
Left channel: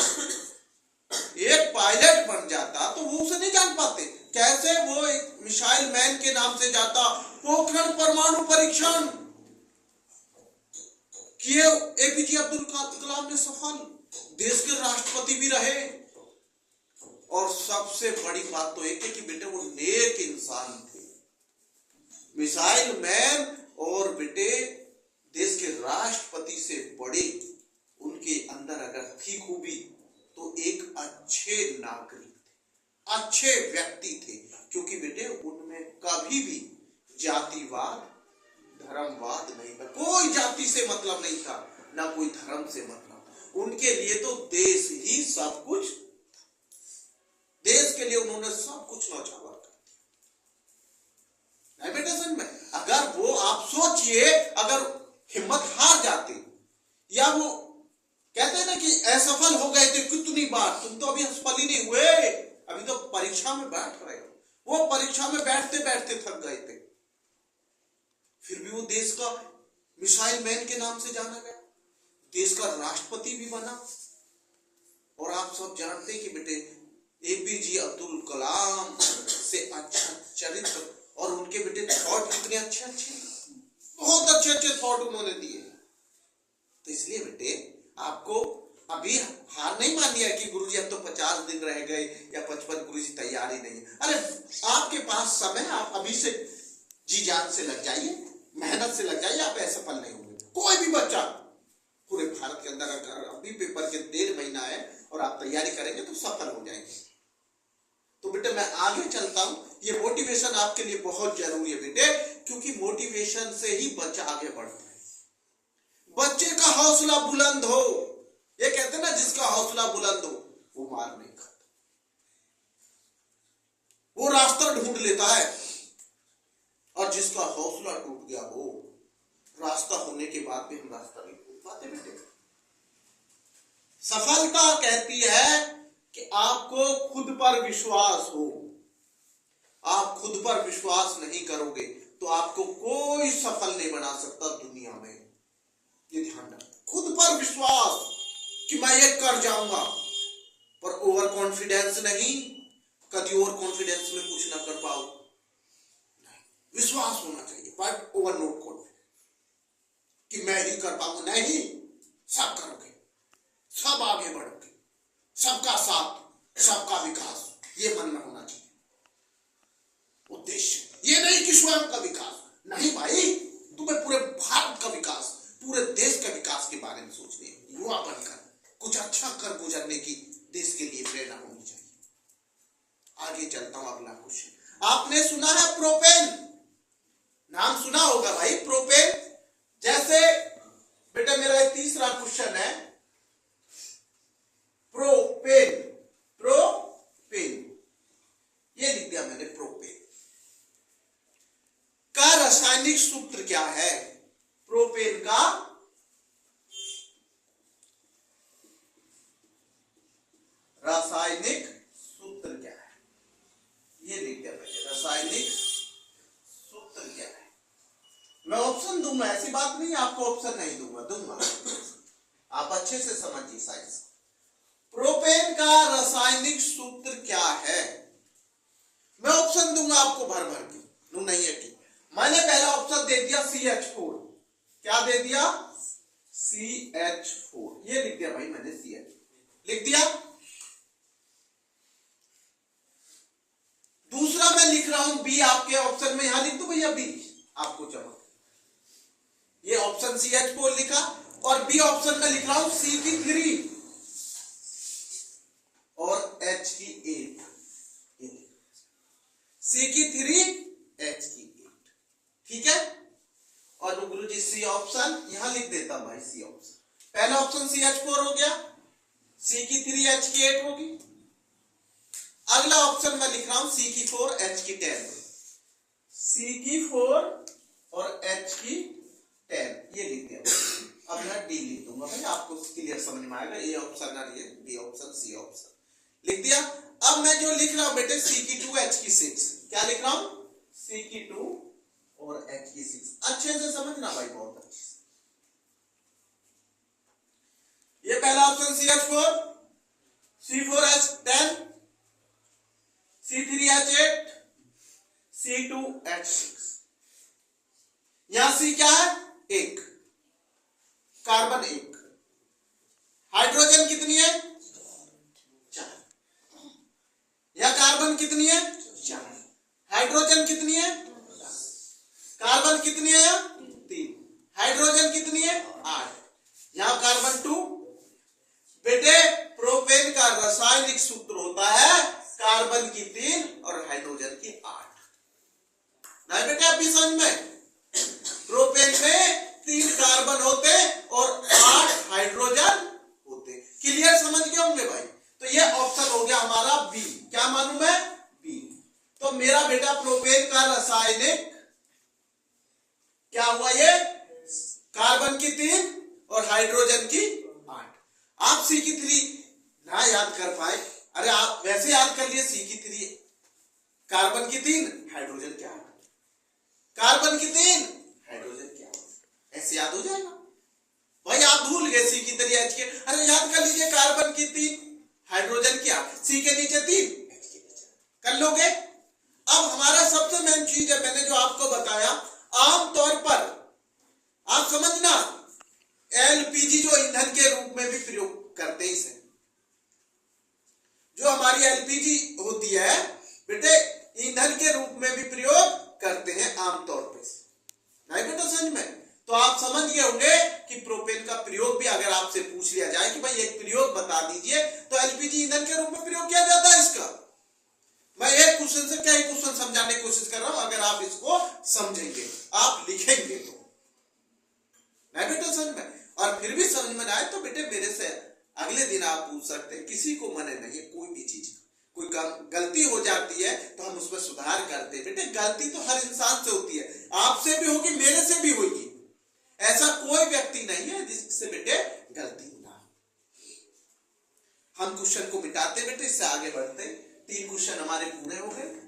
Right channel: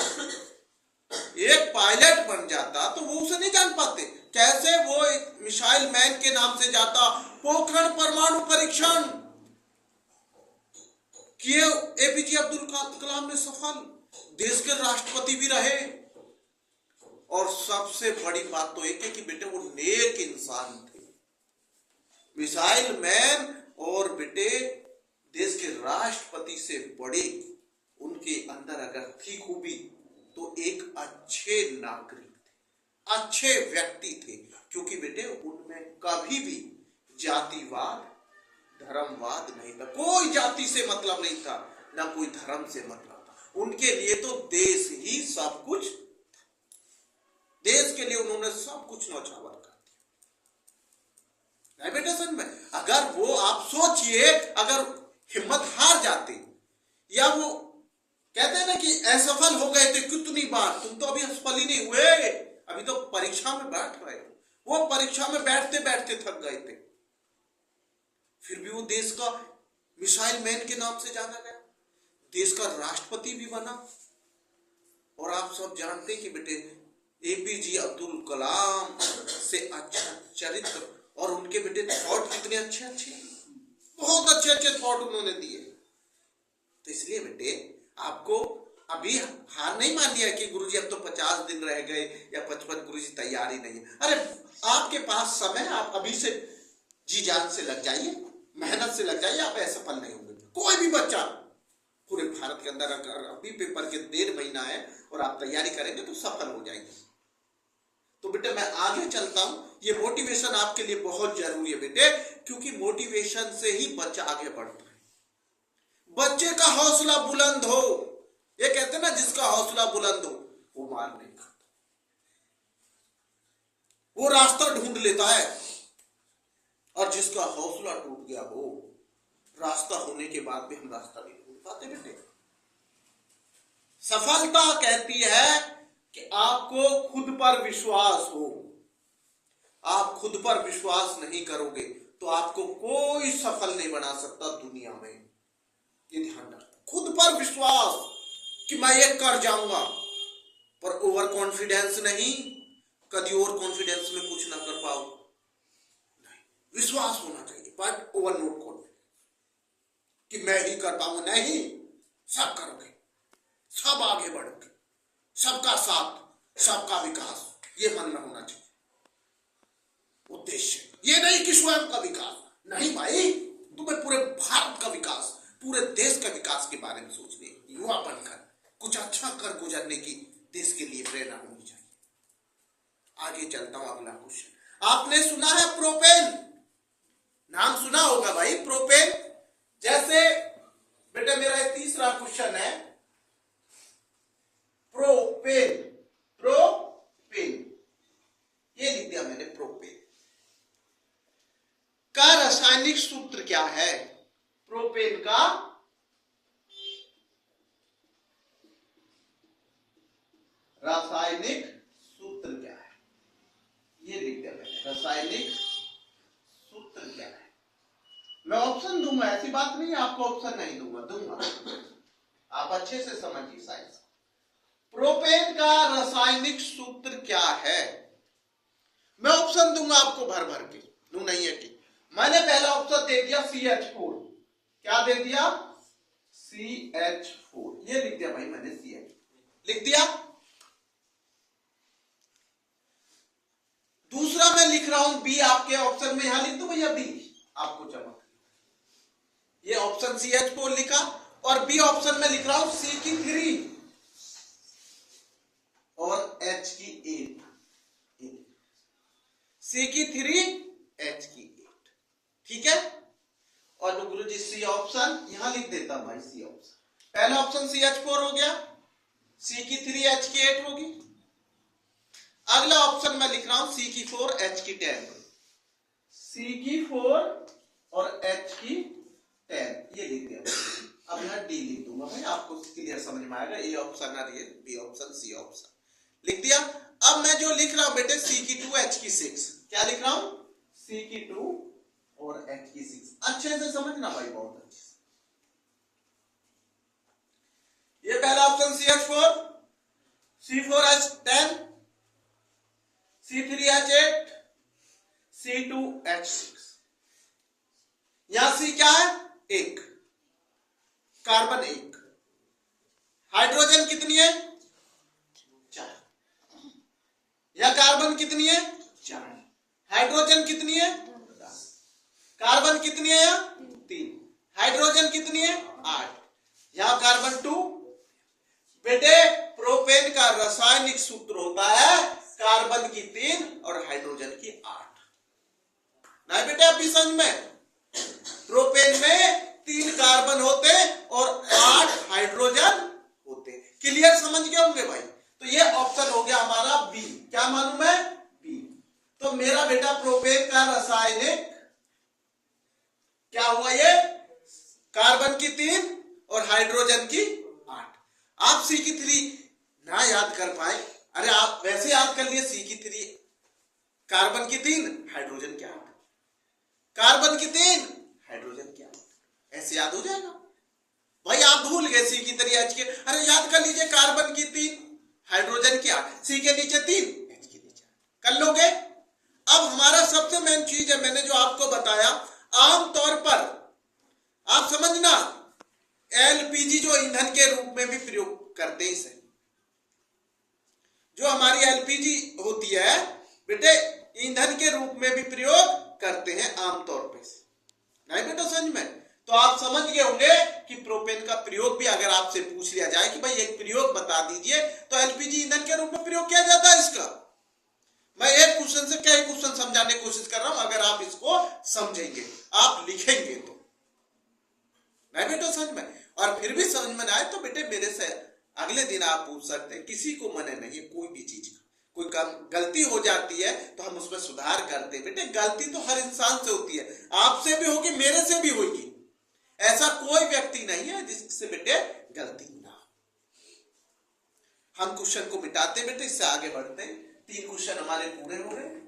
एक पायलट बन जाता तो वो उसे नहीं जान पाते, कैसे वो एक मिसाइल मैन के नाम से जाता। पोखरण परमाणु परीक्षण किए एपीजे अब्दुल कलाम ने, सफल, देश के राष्ट्रपति भी रहे। और सबसे बड़ी बात तो एक है कि बेटे वो नेक इंसान थे, मिसाइल मैन, और बेटे देश के राष्ट्रपति से बड़े उनके अंदर अगर थी खूबी तो एक अच्छे नागरिक थे, अच्छे व्यक्ति थे। क्योंकि बेटे उनमें कभी भी जातिवाद, धर्मवाद नहीं था, कोई जाति से मतलब नहीं था, ना कोई धर्म से मतलब था। उनके लिए तो देश ही सब कुछ, देश के लिए उन्होंने सब कुछ न्यौछावर कर दिया। बेटा समझ में, अगर वो, आप सोचिए, अगर हिम्मत हार जाते, या वो कहते हैं ना कि असफल हो गए थे कितनी बार, तुम तो अभी असफल ही नहीं हुए, अभी तो परीक्षा में बैठ रहे हो। वो परीक्षा में बैठते बैठते थक गए थे, फिर भी वो देश का मिसाइल मैन के नाम से जाना गया, देश का राष्ट्रपति भी बना। और आप सब जानते हैं कि बेटे एपीजे अब्दुल कलाम से अच्छा चरित्र, और उनके बेटे थॉट कितने अच्छे अच्छे, बहुत अच्छे अच्छे थॉट उन्होंने दिए। तो इसलिए बेटे आपको अभी मानी है कि गुरुजी अब तो 50 दिन रह गए या 55, गुरुजी तैयारी नहीं है। अरे आपके पास समय, आप अभी से जी जान से लग जाइए, मेहनत से लग जाइए, आप असफल नहीं होंगे। कोई भी बच्चा पूरे भारत के अंदर अगर अभी पेपर के 1.5 महीना है और आप तैयारी करेंगे तो सफल हो जाएंगे। तो बेटे मैं आगे चलता हूं। ये मोटिवेशन आपके लिए बहुत जरूरी है बेटे, क्योंकि मोटिवेशन से ही बच्चा आगे बढ़ता है। बच्चे का हौसला बुलंद हो, ये कहते हैं ना, जिसका हौसला बुलंद हो वो मार नहीं खाता, वो रास्ता ढूंढ लेता है। और जिसका हौसला टूट गया हो, रास्ता होने के बाद भी हम रास्ता नहीं ढूंढ पाते बेटे। सफलता कहती है कि आपको खुद पर विश्वास हो। आप खुद पर विश्वास नहीं करोगे तो आपको कोई सफल नहीं बना सकता दुनिया में। ये ध्यान रखना, खुद पर विश्वास कि मैं ये कर जाऊंगा, पर ओवर कॉन्फिडेंस नहीं, कभी ओवर कॉन्फिडेंस में कुछ ना कर पाओ। नहीं, विश्वास होना चाहिए, बट ओवर नॉट कॉन्फिडेंस कि मैं ही कर पाऊंगा। नहीं, सब करोगे, सब आगे बढ़ोगे, सबका साथ, सबका विकास, ये मन में होना चाहिए उद्देश्य। ये नहीं कि स्वयं का विकास, नहीं भाई, तुम्हें पूरे भारत का विकास, पूरे देश का विकास के बारे में सोचने, युवा बनकर कुछ अच्छा कर गुजरने की देश के लिए प्रेरणा होनी चाहिए। आगे चलता हूं, अगला क्वेश्चन। आपने सुना है प्रोपेन, नाम सुना होगा भाई, प्रोपेन। जैसे बेटा मेरा ये तीसरा क्वेश्चन है, प्रोपेन, प्रोपेन, ये लिख दिया मैंने, प्रोपेन का रासायनिक सूत्र क्या है? प्रोपेन का रासायनिक सूत्र क्या है? ये लिख दिया मैंने, रासायनिक सूत्र क्या है? मैं ऑप्शन दूंगा, ऐसी बात नहीं है आपको ऑप्शन नहीं दूंगा। आप अच्छे से समझिए साइंस। प्रोपेन का रासायनिक सूत्र क्या है? मैं ऑप्शन दूंगा आपको भर भर के, दू नहीं है कि मैंने पहला ऑप्शन दे दिया CH4। क्या दे दिया? CH4, ये लिख दिया भाई मैंने, CH लिख दिया। दूसरा मैं लिख रहा हूं B, आपके ऑप्शन में यहां लिख दो भैया B, आपको चमक। ये ऑप्शन CH4 लिखा और B ऑप्शन में लिख रहा हूं C की 3 और H की 8, C की 3, H की 8, ठीक है। और गुरुजी C ऑप्शन यहां लिख देता हूं भाई, C ऑप्शन। पहला ऑप्शन CH4 हो गया, C की 3, H की 8 होगी। अगला ऑप्शन मैं लिख रहा हूं C की 4, H की 10, C की 4 और H की 10, ये लिख दिया। अब यहां D लिख दूंगा भाई, आपको क्लियर समझ में आएगा। A ऑप्शन और ये B ऑप्शन, C ऑप्शन लिख दिया। अब मैं जो लिख रहा हूं बेटे, C की 2, H की 6, क्या लिख रहा हूं? C की 2 और H की 6, अच्छे से समझना भाई, बहुत अच्छे से। ये पहला option CH4, C4H10, C3H8, C2H6। यहां C क्या है? 1, कार्बन 1, हाइड्रोजन कितनी है? 4। यह कार्बन कितनी है? 4। हाइड्रोजन कितनी है? 10। कार्बन कितनी है? 3। हाइड्रोजन कितनी है? 8। यहां कार्बन 2। बेटे प्रोपेन का रासायनिक सूत्र होता है कार्बन की 3 और हाइड्रोजन की 8। नहीं बेटे आप भी समझ में, प्रोपेन में 3 कार्बन होते और 8 हाइड्रोजन होते। क्लियर समझ गए होंगे भाई? तो ये ऑप्शन हो गया हमारा B। क्या मालूम है? B। तो मेरा बेटा प्रोपेन का रासायनिक क्या हुआ? ये कार्बन की 3 और हाइड्रोजन की 8। आप C की 3 ना याद कर पाए, अरे आप वैसे याद कर लिए, C की 3, कार्बन की 3, हाइड्रोजन क्या, कार्बन की 3, हाइड्रोजन क्या, ऐसे याद हो जाएगा भाई। आप भूल गए C की 3, H के, अरे याद कर लीजिए, कार्बन की 3, हाइड्रोजन क्या, C के नीचे 3, H के नीचे, कर लोगे। अब हमारा सबसे मेन चीज है, मैंने जो आपको बताया, आमतौर पर आप समझना, LPG जो ईंधन के रूप में भी प्रयोग करते हैं इसे, जो हमारी एलपीजी होती है बेटे ईंधन के रूप में भी प्रयोग करते हैं आमतौर पे। नहीं बेटा समझ में? तो आप समझ गए होंगे कि प्रोपेन का प्रयोग भी अगर आपसे पूछ लिया जाए कि भाई एक प्रयोग बता दीजिए तो एलपीजी ईंधन के रूप में प्रयोग किया जाता है इसका। मैं एक क्वेश्चन से कई क्वेश्चन समझाने की कोशिश कर रहा हूं, अगर आप इसको समझेंगे आप लिखेंगे तो। नहीं बेटा समझ में? और फिर भी समझ में आए तो बेटे मेरे से अगले दिन आप पूछ सकते हैं, किसी को मने नहीं कोई भी चीज का। कोई गलती हो जाती है तो हम उसमें सुधार करते हैं। बेटे गलती तो हर इंसान से होती है, आपसे भी होगी मेरे से भी होगी, ऐसा कोई व्यक्ति नहीं है जिससे बेटे गलती ना हो। हम क्वेश्चन को मिटाते बेटे, इससे आगे बढ़ते। 3 क्वेश्चन हमारे पूरे हो गए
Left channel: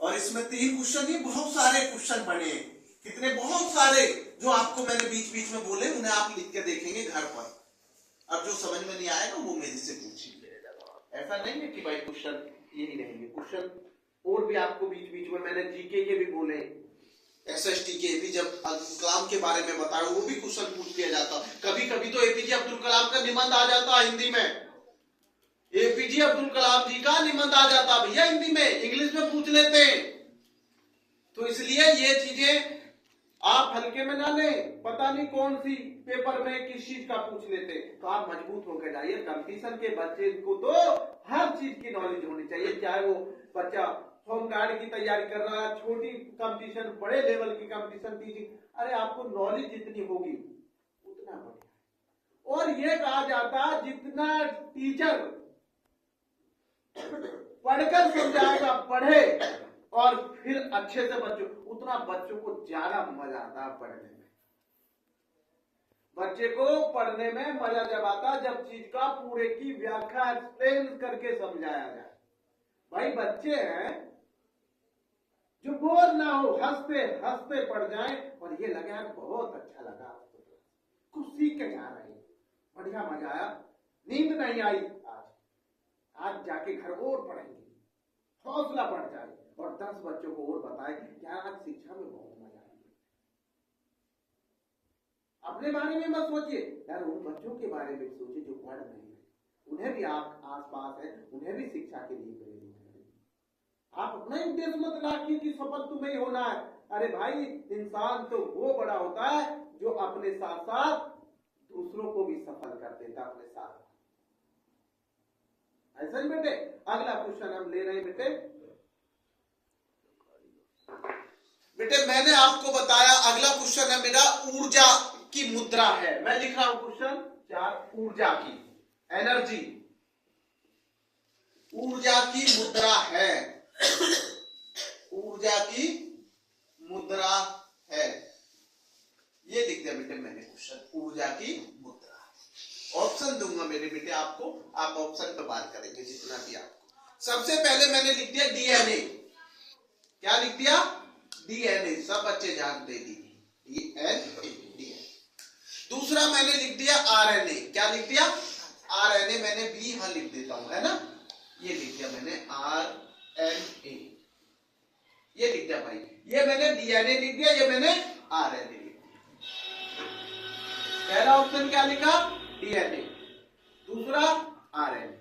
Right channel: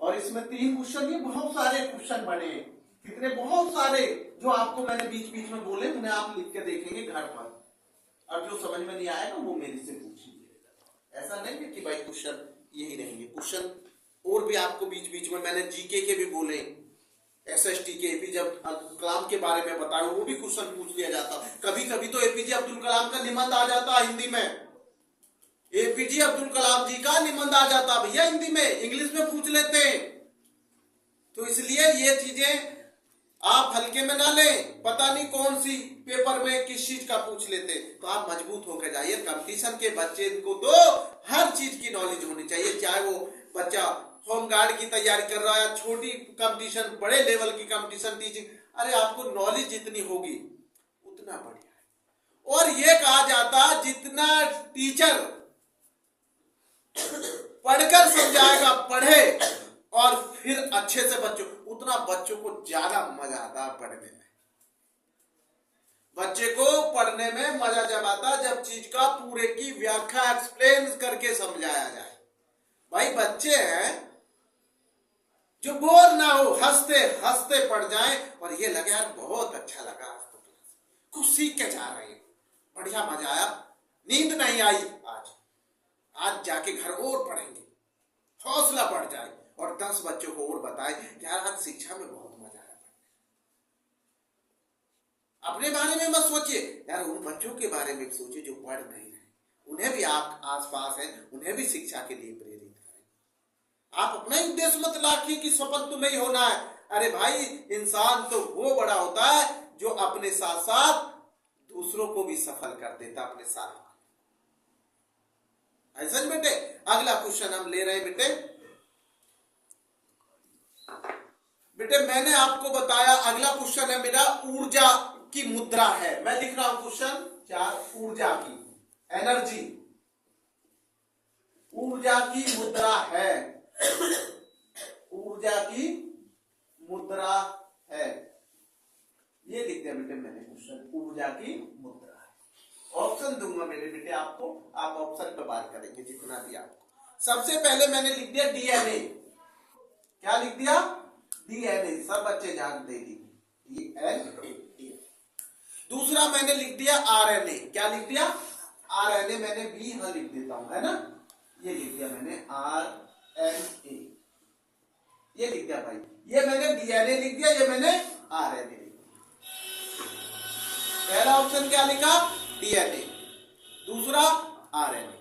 और इसमें 3 क्वेश्चन ही बहुत सारे क्वेश्चन बने, कितने बहुत सारे जो आपको मैंने बीच बीच में बोले उन्हें आप लिख के देखेंगे घर पर। अब जो समझ में नहीं आएगा वो मेरे से पूछिए। ऐसा नहीं है कि भाई क्वेश्चन यही रहेंगे, क्वेश्चन और भी आपको बीच बीच में मैंने जीके के भी बोले, एसएसटी के भी जब कलाम के बारे में बताया वो भी क्वेश्चन पूछ लिया जाता। कभी कभी तो एपीजे अब्दुल कलाम का निबंध आ जाता हिंदी में, एपीजे अब्दुल कलाम जी का निबंध आ जाता भैया हिंदी में, इंग्लिश में पूछ लेते हैं। तो इसलिए ये चीजें आप हल्के में ना लें, पता नहीं कौन सी पेपर में किस चीज का पूछ लेते, तो आप मजबूत होकर जाइए। कंपटीशन के बच्चे को तो हर चीज की नॉलेज होनी चाहिए, चाहे वो बच्चा होम गार्ड की तैयारी कर रहा है, छोटी कंपटीशन, बड़े लेवल की कंपटीशन, टीचिंग, अरे आपको नॉलेज जितनी होगी उतना बढ़िया है। और ये कहा जाता जितना टीचर पढ़कर समझाएगा, पढ़े और फिर अच्छे से बच्चों, उतना बच्चों को ज्यादा मजा आता पढ़ने में। बच्चे को पढ़ने में मजा जब आता जब चीज का पूरे की व्याख्या एक्सप्लेन करके समझाया जाए। भाई बच्चे हैं जो बोर ना हो, हंसते हंसते पढ़ जाए और ये लगे यार बहुत अच्छा लगा, आज तो कुछ सीख के जा रहे हैं, बढ़िया मजा आया, नींद नहीं आई आज जाके घर और पढ़ेंगे, हौसला बढ़ जाए और 10 बच्चों को और बताए यार आज शिक्षा में बहुत मजा आया। अपने बारे में मत सोचिए यार, उन बच्चों के बारे में सोचिए जो पढ़ नहीं रहे, उन्हें भी आप आसपास हैं, उन्हें भी शिक्षा के लिए प्रेरित करें। आप अपना ही उद्देश्य मत रखिए कि सफल तुम्हें ही होना है। अरे भाई इंसान तो वो बड़ा होता है जो अपने साथ साथ दूसरों को भी सफल कर देता अपने साथ। ऐसा बेटे अगला क्वेश्चन हम ले रहे हैं बेटे मैंने आपको बताया अगला क्वेश्चन है मेरा ऊर्जा की मुद्रा है। मैं लिख रहा हूं क्वेश्चन 4, ऊर्जा की, एनर्जी, ऊर्जा की मुद्रा है, ऊर्जा की मुद्रा है, ये लिख दिया बेटे मैंने क्वेश्चन, ऊर्जा की मुद्रा। ऑप्शन दूंगा मेरे बेटे आपको, आप ऑप्शन पे बात करेंगे जितना भी आपको। सबसे पहले मैंने लिख दिया डीएनए, क्या लिख दिया? डीएनए, सब बच्चे ध्यान दे दी, डीएनए। दूसरा मैंने लिख दिया आरएनए, क्या लिख दिया? आरएनए, मैंने बी यहां लिख देता हूं, है ना, ये लिख दिया मैंने आरएनए, ये लिख दिया भाई, ये मैंने डीएनए लिख दिया, ये मैंने आरएनए लिख दिया। पहला ऑप्शन क्या लिखा? डीएनए, दूसरा आरएनए।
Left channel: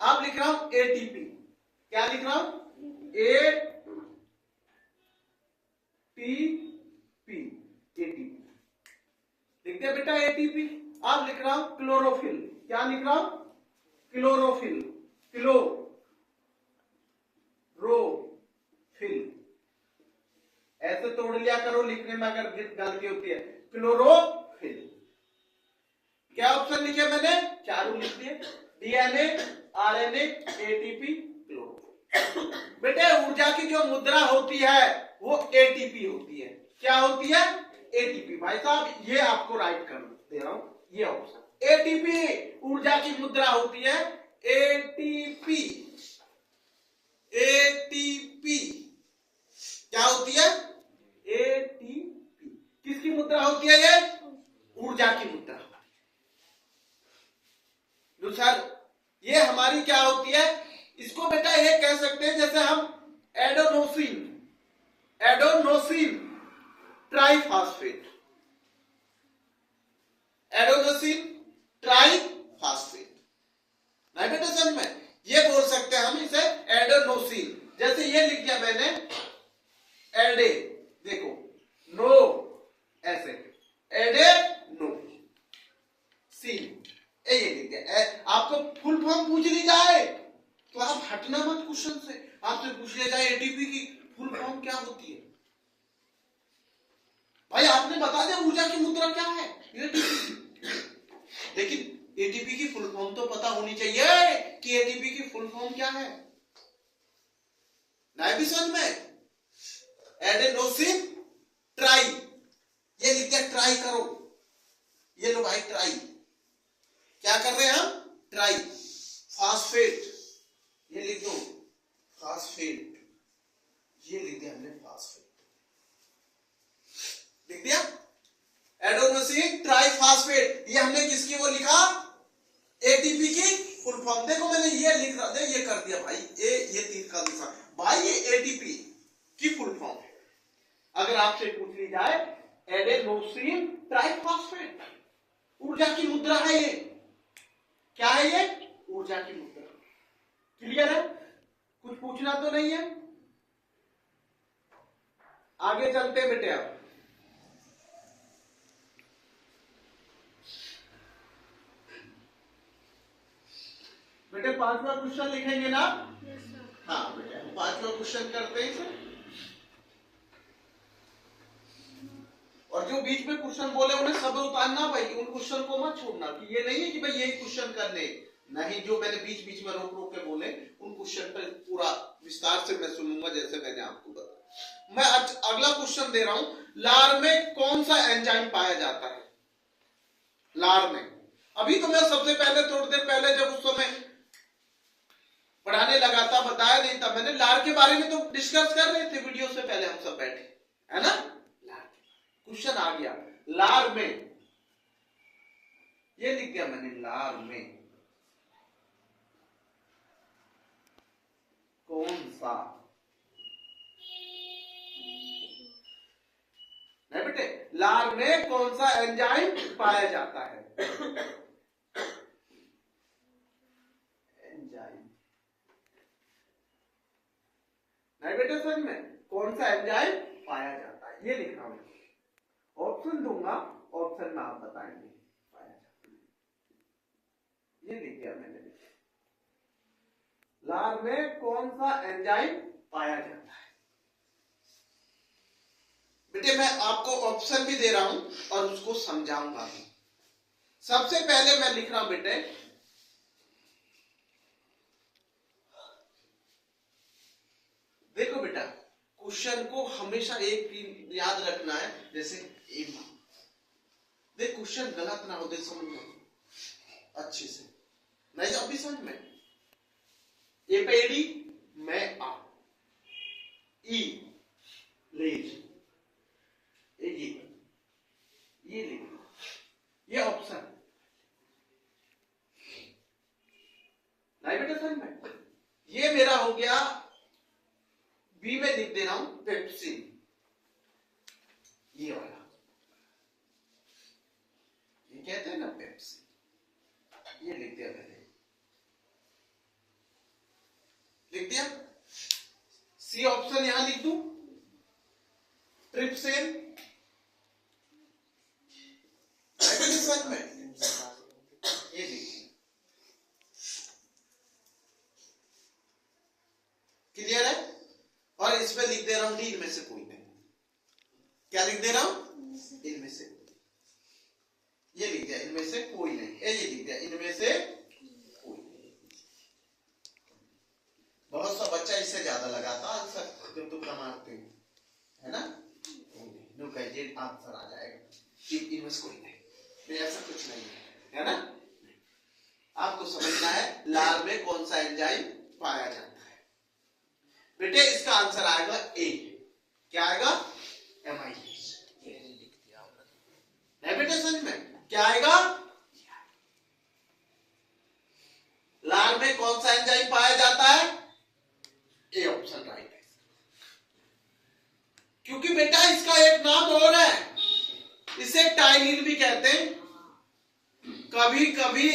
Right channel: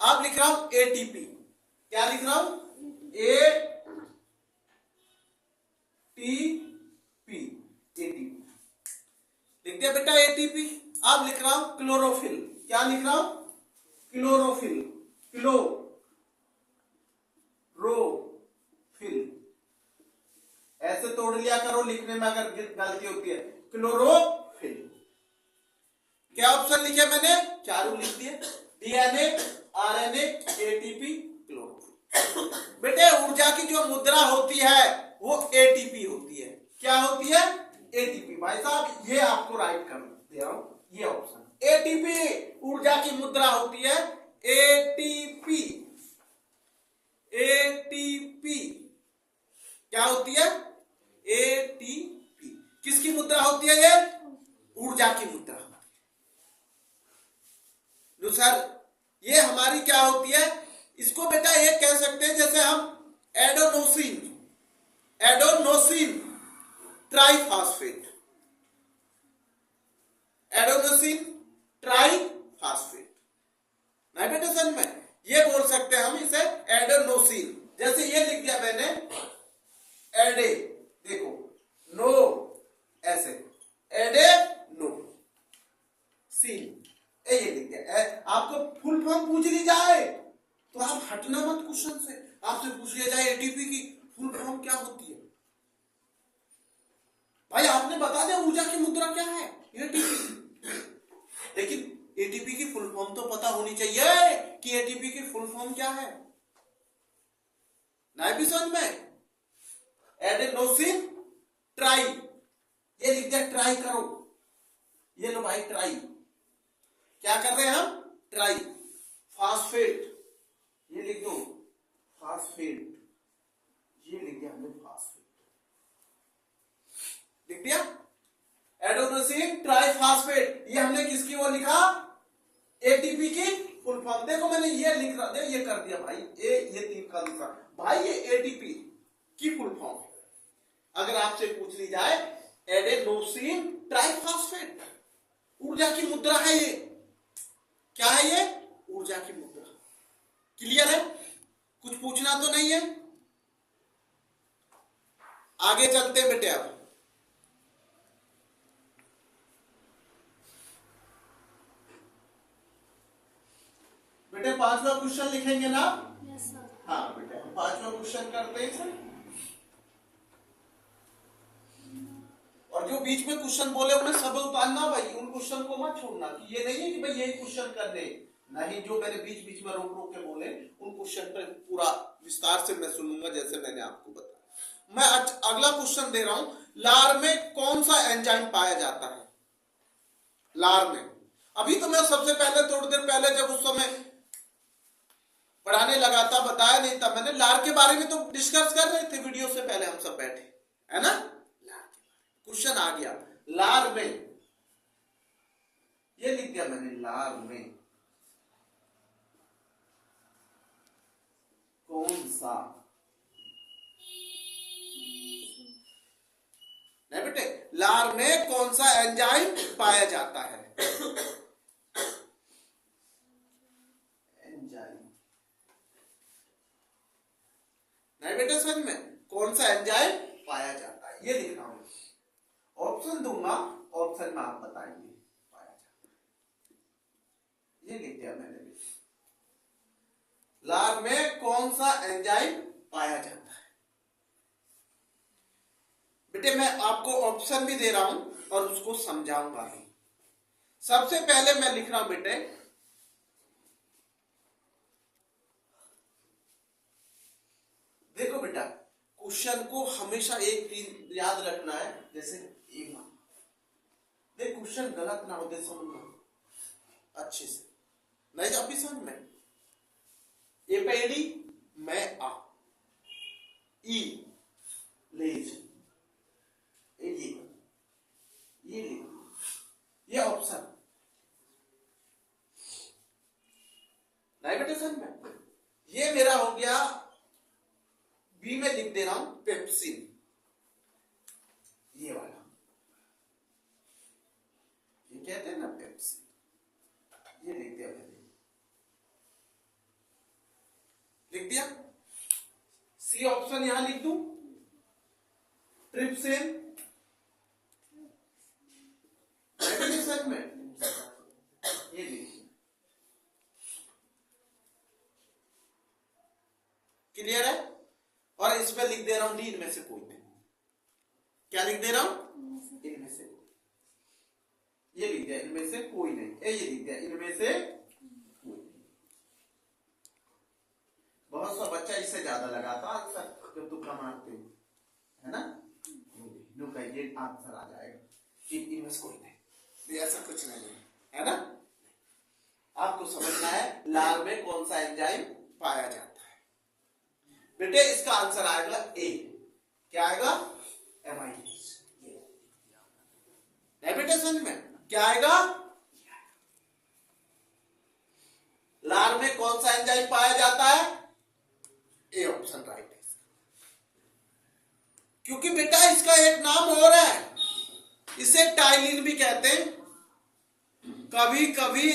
अब लिख रहा हूं एटीपी, क्या लिख रहा हूं? एटीपी, एटीपी लिख दिया बेटा एटीपी। अब लिख रहा हूं क्लोरोफिल, क्या लिख रहा हूं? क्लोरोफिल, क्लोरोफिल, ऐसे तोड़ लिया करो लिखने में अगर गलती होती है, क्लोरोफिल। क्या ऑप्शन लिखे मैंने? चारों लिख दिए, डीएनए, आरएनए, एटीपी, क्लोरोफिल। बेटे ऊर्जा की जो मुद्रा होती है वो एटीपी होती है, क्या होती है? एटीपी। भाई साहब ये आपको राइट कर दे रहा हूं, ये ऑप्शन एटीपी ऊर्जा की मुद्रा होती है, एटीपी, एटीपी क्या होती है? एटीपी। किसकी मुद्रा होती है? ये ऊर्जा की मुद्रा। सर ये हमारी क्या होती है? इसको बेटा ये कह सकते हैं जैसे हम adenosine, adenosine triphosphate, adenosine triphosphate आपको फुल फॉर्म पूछ ली जाए तो आप हटना मत क्वेश्चन से। आपसे पूछ लिया जाए एटीपी की फुल फॉर्म क्या होती है, भाई आपने बता दिया ऊर्जा की मुद्रा क्या है एटीपी, लेकिन एटीपी की फुल फॉर्म तो पता होनी चाहिए कि एटीपी की फुल फॉर्म क्या है। ना भी समझ में, एडेनोसिन ट्राई, ये लिख दिया ट्राई करो, ये लो भाई ट्राई, क्या कर रहे हैं हम, ट्राई फास्फेट, ये लिख दो फास्फेट, ये लिख दिया हमने फास्फेट, लिख दिया एडेनोसिन ट्राइफॉस्फेट, ये हमने किसकी वो लिखा, एटीपी की फुल फॉर्म। देखो मैंने ये लिख रहा था, ये कर दिया भाई, ये तीर का निशान भाई, ये एटीपी की फुल फॉर्म है। अगर आपसे पूछ ली जाए एडेनोसिन ट्राइफॉस्फेट, ऊर्जा की मुद्रा है ये, क्या है ये, ऊर्जा की मुद्रा। क्लियर है, कुछ पूछना तो नहीं है, आगे चलते बेटे। अब बेटे पांचवा क्वेश्चन लिखेंगे ना? Yes sir. हाँ बेटे हम पांचवा क्वेश्चन करते हैं सर, और जो बीच में क्वेश्चन बोले उन्हें सब उतारना भाई, उन क्वेश्चन को मत छोड़ना कि ये नहीं है कि भाई यही क्वेश्चन करने, नहीं, जो मैंने बीच बीच में रोक रोक के बोले उन क्वेश्चन पर पूरा विस्तार से मैं सुनूंगा जैसे मैंने आपको बताया। मैं अगला क्वेश्चन दे रहा हूं, लार में कौन सा एंजाइम पाया जाता है, लार में। अभी तो मैं सबसे पहले थोड़ी देर पहले जब उस समय पढ़ाने लगा था बताया नहीं था मैंने, लार के बारे में तो डिस्कस कर रहे थे वीडियो से पहले हम सब बैठे, है ना। क्वेश्चन आ गया लार में, ये लिख दिया मैंने, लार में कौन सा, नहीं बेटे, लार में कौन सा एंजाइम पाया जाता है, एंजाइम, नहीं बेटे समझ में, कौन सा एंजाइम पाया जाता है, ये लिख रहा हूं, ऑप्शन दूंगा, ऑप्शन में आप बताएंगे पाया जाता है, ये लिख दिया मैंने, लार में कौन सा एंजाइम पाया जाता है। बेटे मैं आपको ऑप्शन भी दे रहा हूं और उसको समझाऊंगा भी। सबसे पहले मैं लिख रहा हूं बेटे, देखो बेटा क्वेश्चन को हमेशा एक चीज याद रखना है, जैसे देख क्वेश्चन गलत ना हो दे, समझ अच्छे से, नहीं अभी समझ में, ए पे एडी, मैं आ, ई लेज, ये लिख, ये ऑप्शन नहीं बेटे समझ में, ये मेरा हो गया, बी में लिख दे रहा हूं पेप्सिन, ये वाला, ये कहते हैं ना पेप्सिन, ये लिख दिया मैंने, लिख दिया। सी ऑप्शन यहां लिख दूं, ट्रिप्सिन, में ये लिख, क्लियर है। और इसमें लिख दे रहा हूं डी, इनमें से कोई नहीं, क्या लिख दे रहा हूं, इनमें से कोई, ये लिख दिया इनमें से कोई नहीं, ये लिख दिया इनमें से कोई नहीं। बहुत सा बच्चा इससे ज्यादा लगाता आंसर जब तुम मारते हो, है ना, ये आंसर आ जाएगा, इनमें से कोई नहीं, ऐसा कुछ नहीं है ना। आपको समझना है लार में कौन सा एंजाइम पाया जाता है। बेटे इसका आंसर आएगा ए, क्या आएगा, एमाइलेज। बेटे समझ में क्या आएगा, लार में कौन सा एंजाइम पाया जाता है, ए ऑप्शन राइट है। क्योंकि बेटा इसका एक नाम और है, इसे टाइलिन भी कहते हैं, कभी कभी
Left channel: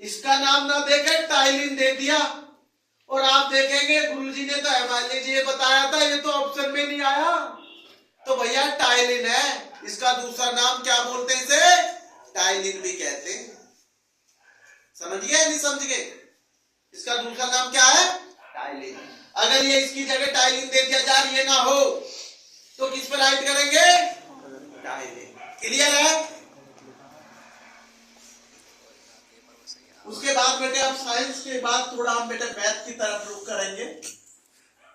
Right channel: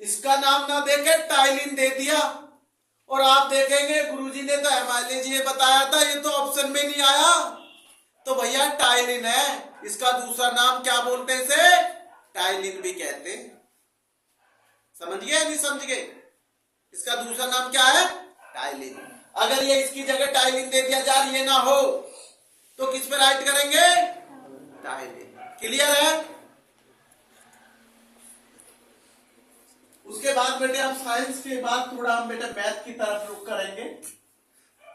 इसका नाम ना देके टाइलिन दे दिया, और आप देखेंगे गुरुजी ने तो एमाइलेज ये बताया था, ये तो ऑप्शन में नहीं आया, तो भैया टाइलिन है, इसका दूसरा नाम क्या बोलते हैं इसे, टाइलिन भी कहते हैं। समझ गए नहीं समझ गए? इसका दूसरा नाम क्या है? टाइलिन। अगर ये इसकी जगह टाइलिन दे दिया जाए ये ना हो तो किस पर राइट करेंगे? टाइलिन। क्लियर है? उसके बाद बेटे अब साइंस के बाद थोड़ा हम बेटे मैथ की तरफ रुख करेंगे,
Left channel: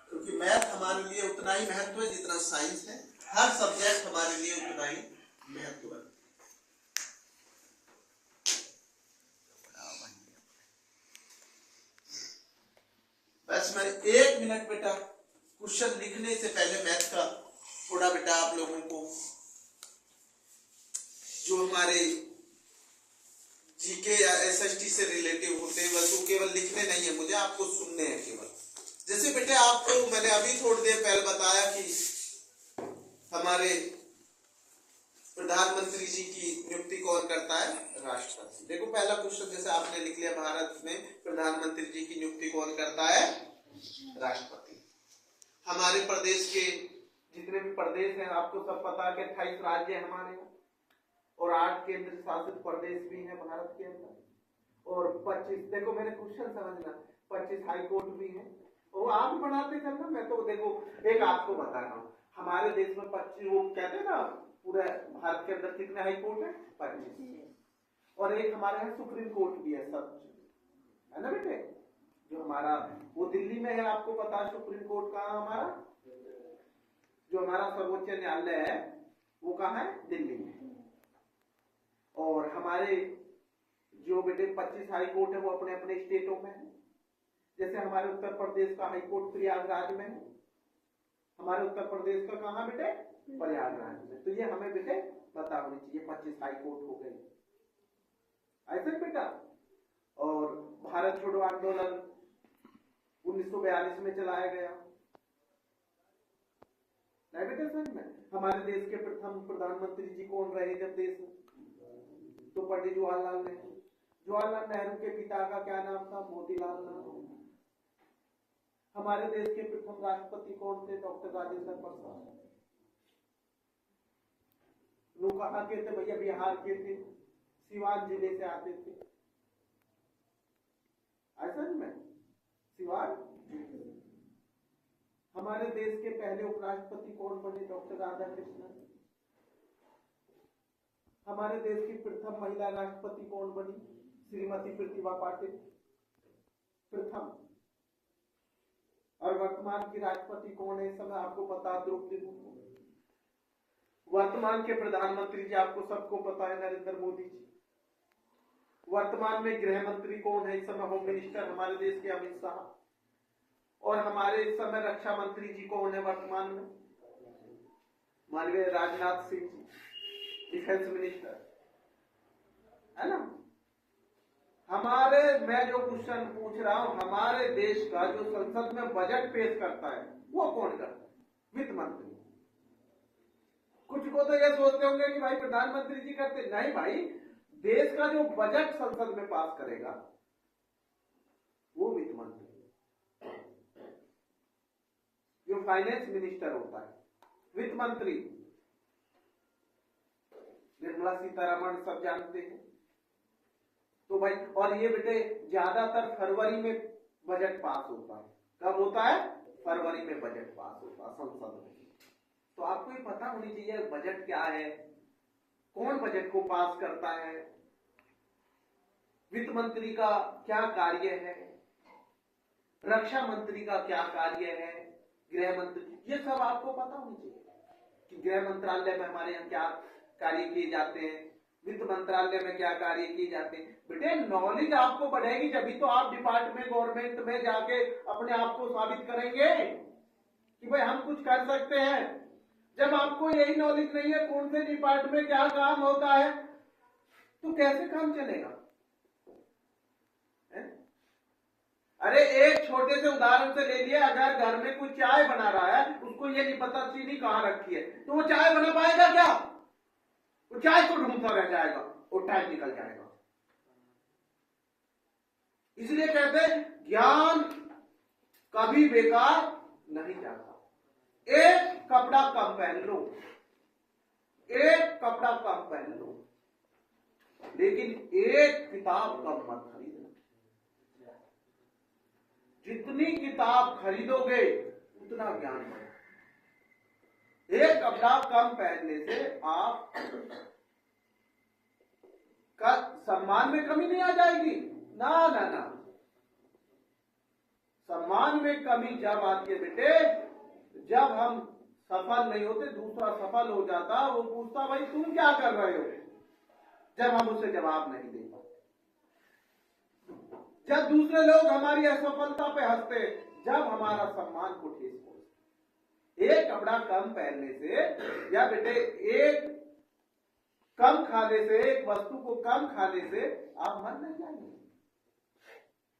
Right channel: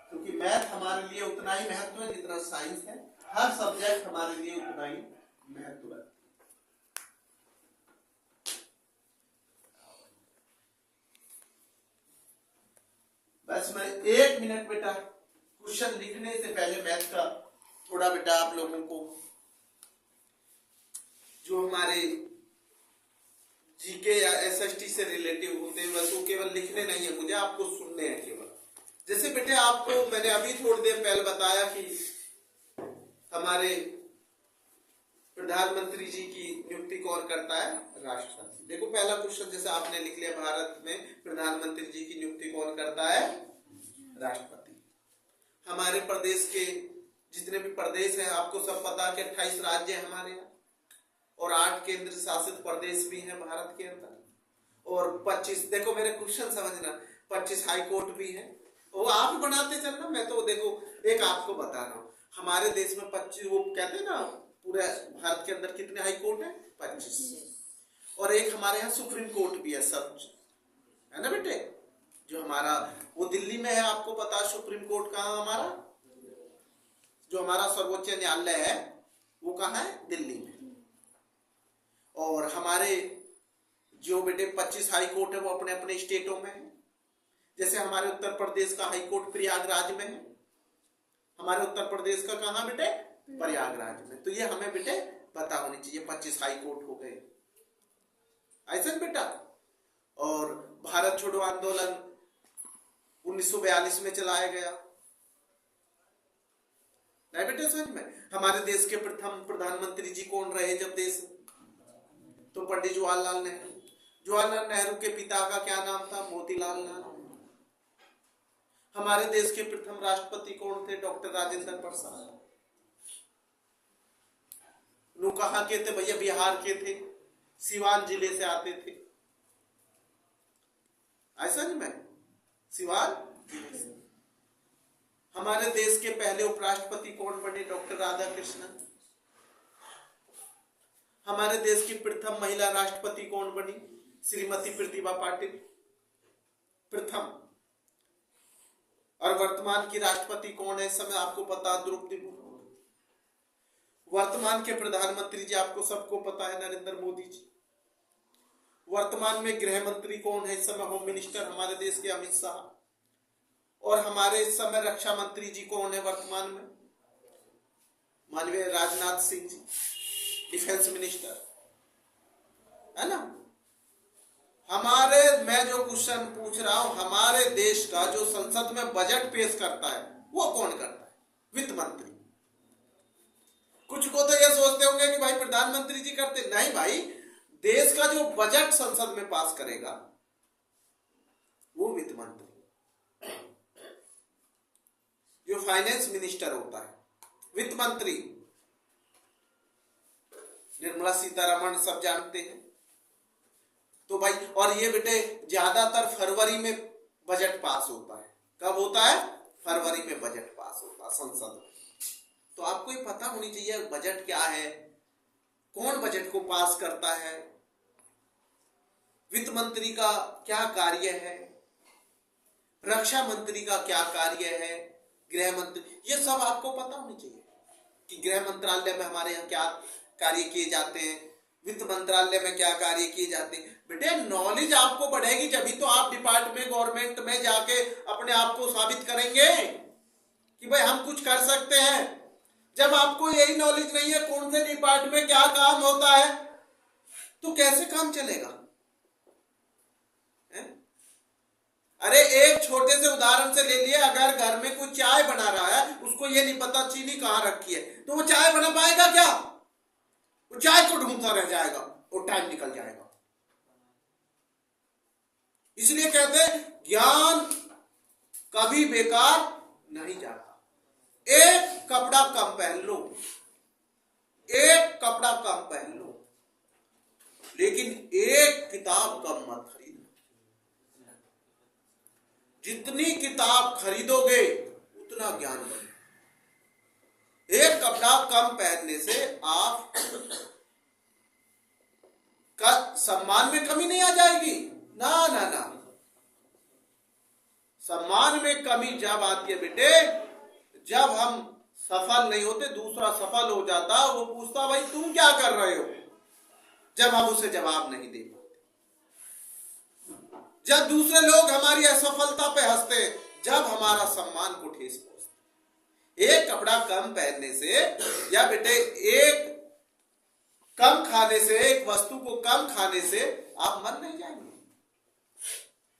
क्योंकि मैथ हमारे लिए उतना ही महत्व है जितना साइंस है। हर सब्जेक्ट हमारे लिए उतना ही महत्व है। बस मैं 1 मिनट बेटा क्वेश्चन लिखने से पहले मैथ का थोड़ा बेटा आप लोगों को जो हमारे जीके या एसएसटी से रिलेटिव होते हैं बस वो केवल लिखने नहीं है, मुझे आपको सुनने हैं केवल। जैसे बेटे आपको मैंने अभी थोड़ी देर पहले बताया कि हमारे प्रधानमंत्री जी की नियुक्ति कौन करता है? राष्ट्रपति। देखो पहला क्वेश्चन जैसे आपने लिख लिया, भारत में प्रधानमंत्री जी की नियुक्ति कौन करता है? राष्ट्रपति। हमारे प्रदेश के जितने भी प्रदेश हैं आपको सब पता कि 28 राज्य है हमारे यहाँ और 8 केंद्र शासित प्रदेश भी हैं भारत के अंदर, और 25 देखो मेरे क्वेश्चन समझना 25 हाई कोर्ट भी हैं। वो आप बनाते चलना, मैं तो देखो एक आपको बता रहा हूँ हमारे देश में 25 वो कहते हैं ना पूरे भारत के अंदर कितने हाई कोर्ट है? 25। और एक हमारे यहाँ सुप्रीम कोर्ट भी है सब, है ना बेटे? जो हमारा वो दिल्ली में है, आपको पता है सुप्रीम कोर्ट कहाँ हमारा? जो हमारा सर्वोच्च न्यायालय है वो कहाँ है? दिल्ली में। और हमारे जो बेटे 25 हाई कोर्ट है वो अपने अपने स्टेटों में है। जैसे हमारे उत्तर प्रदेश का हाई कोर्ट प्रयागराज में है। हमारे उत्तर प्रदेश का कहाँ बेटे? प्रयागराज में। तो ये हमें बेटे पता होनी चाहिए 25 हाई कोर्ट हो गए ऐसा बेटा। और भारत छोड़ो आंदोलन 1942 में चलाया गया, नहीं बेटे समझ में? हमारे देश के प्रथम प्रधानमंत्री जी कौन रहे जब देश? तो पंडित जवाहरलाल नेहरू। जवाहरलाल नेहरू के पिता का क्या नाम था? मोतीलाल नेहरू। हमारे देश के प्रथम राष्ट्रपति कौन थे? डॉक्टर राजेंद्र प्रसाद। वो कहाँ के थे भैया? बिहार के थे, सिवान जिले से आते थे, ऐसा नहीं मैं सिवान जिले से। हमारे देश के पहले उपराष्ट्रपति कौन बने? डॉक्टर राधाकृष्णन। हमारे देश की प्रथम महिला राष्ट्रपति कौन बनी? श्रीमती प्रतिभा पाटिल, प्रथम। और वर्तमान की राष्ट्रपति कौन है इस समय? आपको पता, द्रौपदी मुर्मू। वर्तमान के प्रधानमंत्री जी आपको सबको पता है, नरेंद्र मोदी जी। वर्तमान में गृह मंत्री कौन है इस समय? होम मिनिस्टर हमारे देश के अमित शाह। और हमारे इस समय रक्षा मंत्री जी कौन है वर्तमान में? माननीय राजनाथ सिंह जी, डिफेंस मिनिस्टर, है ना? हमारे मैं जो क्वेश्चन पूछ रहा हूं, हमारे देश का जो संसद में बजट पेश करता है वो कौन करता है? वित्त मंत्री। कुछ को तो ये सोचते होंगे कि भाई प्रधानमंत्री जी करते, नहीं भाई, देश का जो बजट संसद में पास करेगा वो वित्त मंत्री। जो फाइनेंस मिनिस्टर होता है, वित्त मंत्री, निर्मला सीतारमण सब जानते हैं। तो भाई, और ये बेटे ज्यादातर फरवरी में बजट पास होता है। कब होता है? फरवरी में बजट पास होता है संसद में। तो आपको ये पता होनी चाहिए बजट क्या है, कौन बजट को पास करता है, वित्त मंत्री का क्या कार्य है, रक्षा मंत्री का क्या कार्य है, गृह मंत्री, ये सब आपको पता होनी चाहिए कि गृह मंत्रालय में हमारे यहाँ क्या कार्य किए जाते हैं, वित्त मंत्रालय में क्या कार्य किए जाते हैं। बेटे नॉलेज आपको बढ़ेगी जब ही तो आप डिपार्टमेंट गवर्नमेंट में जाके अपने आप को साबित करेंगे कि भाई हम कुछ कर सकते हैं। जब आपको यही नॉलेज नहीं है कौन से डिपार्टमेंट में क्या काम होता है तो कैसे काम चलेगा? अरे एक छोटे से उदाहरण से ले लिए, अगर घर में कोई चाय बना रहा है उसको ये नहीं पता चीनी कहां रखी है तो वो चाय बना पाएगा क्या? वो चाय को ढूंढता रह जाएगा और टाइम निकल जाएगा। इसलिए कहते हैं ज्ञान कभी बेकार नहीं जाता। एक कपड़ा कम पहन लो, एक कपड़ा कम पहन लो, लेकिन एक किताब कम मत खरीदना। जितनी किताब खरीदोगे उतना ज्ञान बढ़ेगा। एक कपड़ा कम पहनने से आप का सम्मान में कमी नहीं आ जाएगी, ना ना ना। सम्मान में कमी जब आती है बेटे, जब हम सफल नहीं होते, दूसरा सफल हो जाता, वो पूछता भाई तुम क्या कर रहे हो, जब हम उसे जवाब नहीं दे पाते। जब दूसरे लोग हमारी असफलता पे हंसते, जब हमारा सम्मान को ठेस पहुंचती। एक कपड़ा कम पहनने से या बेटे एक कम खाने से, एक वस्तु को कम खाने से आप मर नहीं जाएंगे।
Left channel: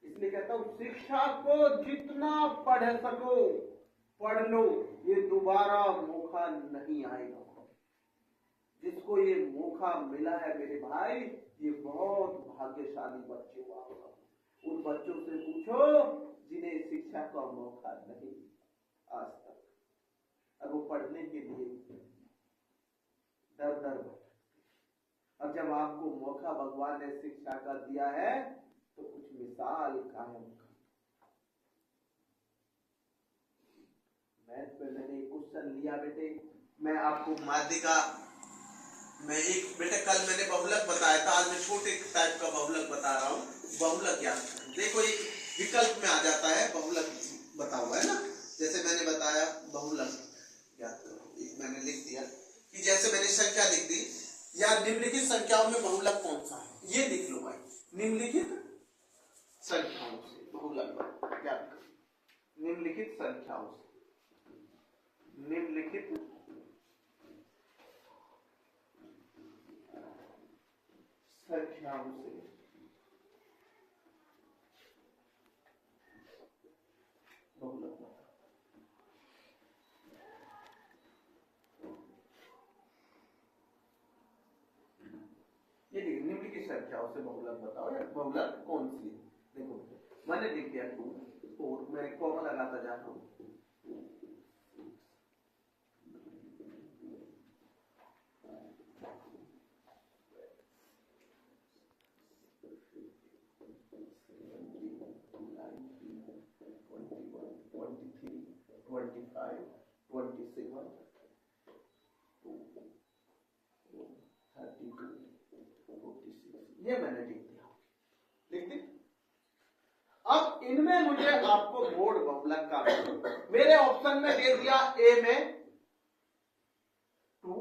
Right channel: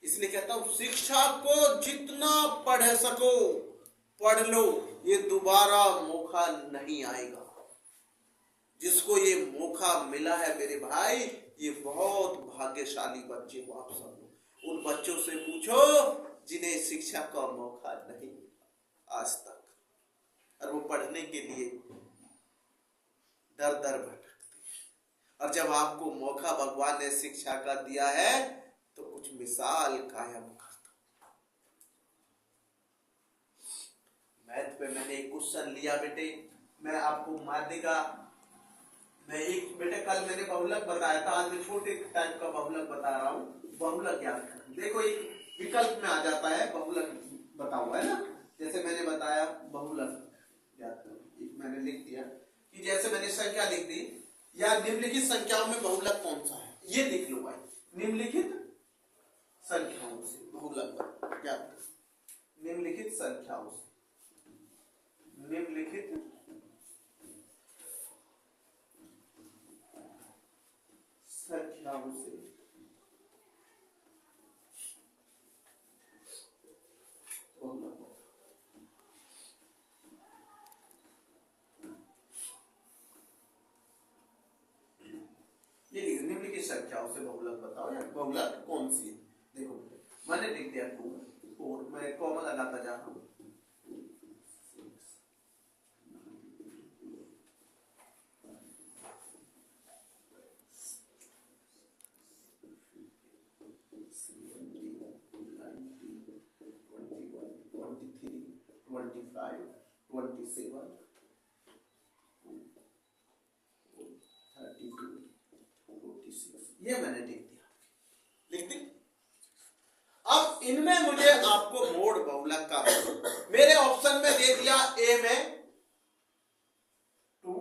इसलिए कहता हूं शिक्षा को जितना पढ़ सको पढ़ लो, ये दोबारा मौका नहीं आएगा। जिसको ये मौका मिला है मेरे भाई, ये बहुत भाग्यशाली बच्चे हो आप सब। उन बच्चों से पूछो जिन्हें शिक्षा का मौका नहीं आज तक, और वो पढ़ने के लिए दर दर भटकते। और जब आपको मौका भगवान ने शिक्षा का दिया है तो कुछ मिसाल कायम करता। मैथ पे मैंने एक क्वेश्चन लिया बेटे, मैं आपको माध्यिका में एक बेटे कल मैंने बहुलक बताया था, आज मैं छोटे टाइप का बहुलक बता रहा हूँ। बहुलक क्या देखो, एक विकल्प में आ जाता है बहुलक बता हुआ है ना। जैसे मैंने बताया बहुलक याद करो, एक मैंने लिख दिया कि जैसे मैंने संख्या लिख दी, या निम्नलिखित संख्याओं में बहुलक कौन सा है, ये लिख लो भाई। निम्नलिखित संख्याओं से बहुलक याद करो। निम्नलिखित संख्याओं से, निम्नलिखित संख्याओं से बहुलक। ये लिखो निम्नलिखित संख्याओं से बहुलक बताओ, या बहुलक कौन सी है। देखो मैंने लिख दिया 2 4, मैं कॉमा लगाता जा रहा हूं। 25, 27, 32, 46, ये मैंने लिख दिया। लिख दी। अब इनमें मुझे आपको मोड बहुलक का मेरे ऑप्शन में दे दिया, ए में 2,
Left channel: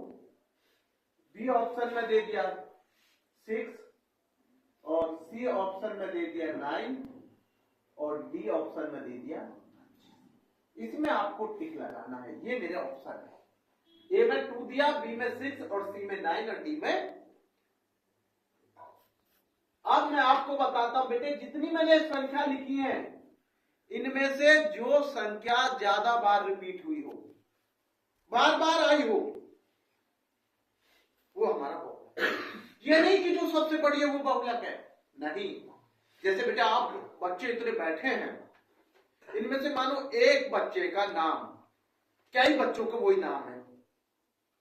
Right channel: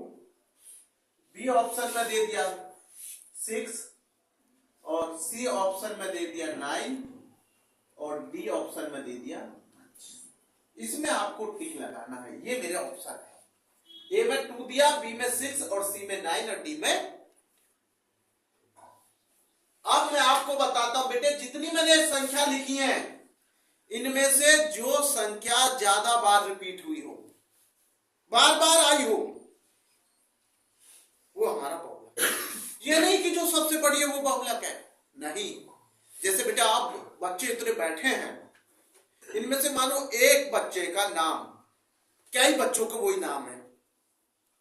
बी ऑप्शन में दे दिया 6, और सी ऑप्शन में दे दिया 9, और डी ऑप्शन में दे दिया। इसमें आपको टिक लगाना है, ये मेरे ऑप्शन है। ए में 2 दिया, बी में 6, और सी में 9, और डी में। अब मैं आपको बताता हूं बेटे, जितनी मैंने संख्या लिखी है, इनमें से जो संख्या ज्यादा बार रिपीट हुई हो, बार बार आई हो, वो हमारा बहुलक। ये नहीं कि जो सबसे बड़ी है वो बहुलक है, नहीं। जैसे बेटा आप बच्चे इतने बैठे हैं, इनमें से मानो एक बच्चे का नाम कई बच्चों का वही नाम है,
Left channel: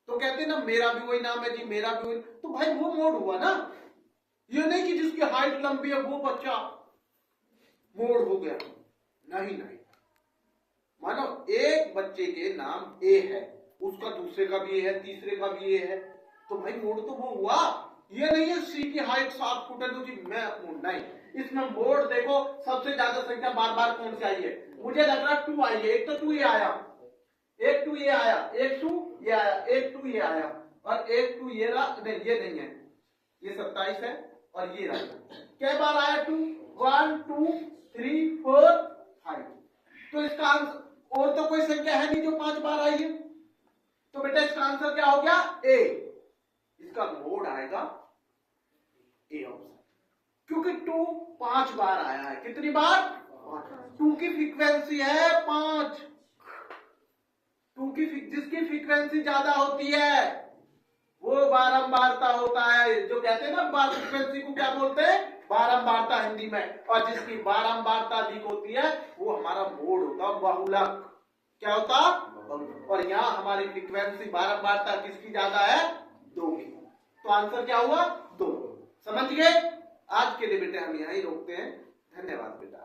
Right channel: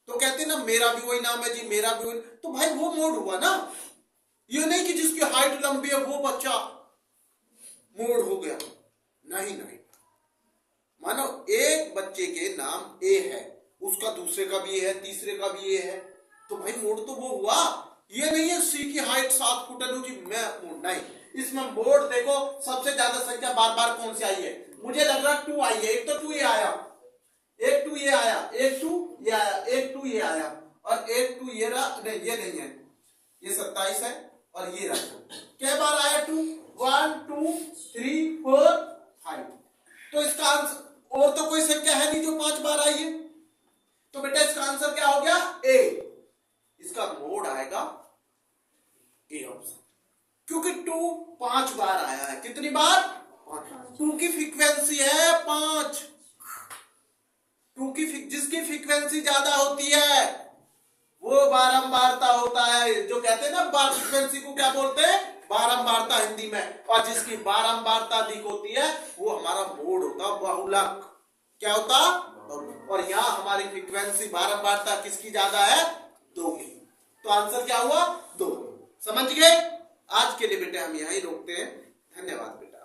तो कहते हैं ना मेरा भी वही नाम है जी, मेरा भी वही, तो भाई वो मोड हुआ ना। ये नहीं कि जिसकी हाइट लंबी है वो बच्चा मोड हो गया, नहीं नहीं। मानो एक बच्चे के नाम ए है, उसका दूसरे का भी है, तीसरे का भी ए है, तो भाई मोड तो वो हुआ। ये नहीं है सी की हाइट 7 फुट है जी मैं मोड, नहीं। इसमें मोड देखो सबसे ज्यादा संख्या बार बार कौन सी आई है, मुझे लग रहा है 2 आई है। एक तो 2 ये आया, एक 2 ये आया, एक 2 ये आया, एक 2 ये आया, और एक 2 ये रहा, नहीं ये नहीं है, ये 27 है, और ये रहा। क्या बार आया 2, 1 2 3 4 5। तो इसका आंसर, और तो कोई संख्या है नहीं जो 5 बार आई है, तो बेटा इसका आंसर क्या हो गया, ए। इसका मोड आएगा ए ऑप्शन, क्योंकि 2 5 बार आया है। कितनी बार, 2 की फ्रीक्वेंसी है 5। 2 की जिसकी फ्रीक्वेंसी ज्यादा होती है वो बारंबारता होता है। जो कहते हैं ना बार फ्रीक्वेंसी को क्या बोलते हैं, बारंबारता हिंदी में। और जिसकी बारंबारता अधिक होती है वो हमारा मोड होता है बहुलक। क्या होता, और यहाँ हमारी फ्रीक्वेंसी बारंबारता किसकी ज्यादा है, 2 की। तो आंसर क्या हुआ, 2। समझ गए? आज के लिए बेटे हम यहीं रोकते हैं। धन्यवाद बेटा।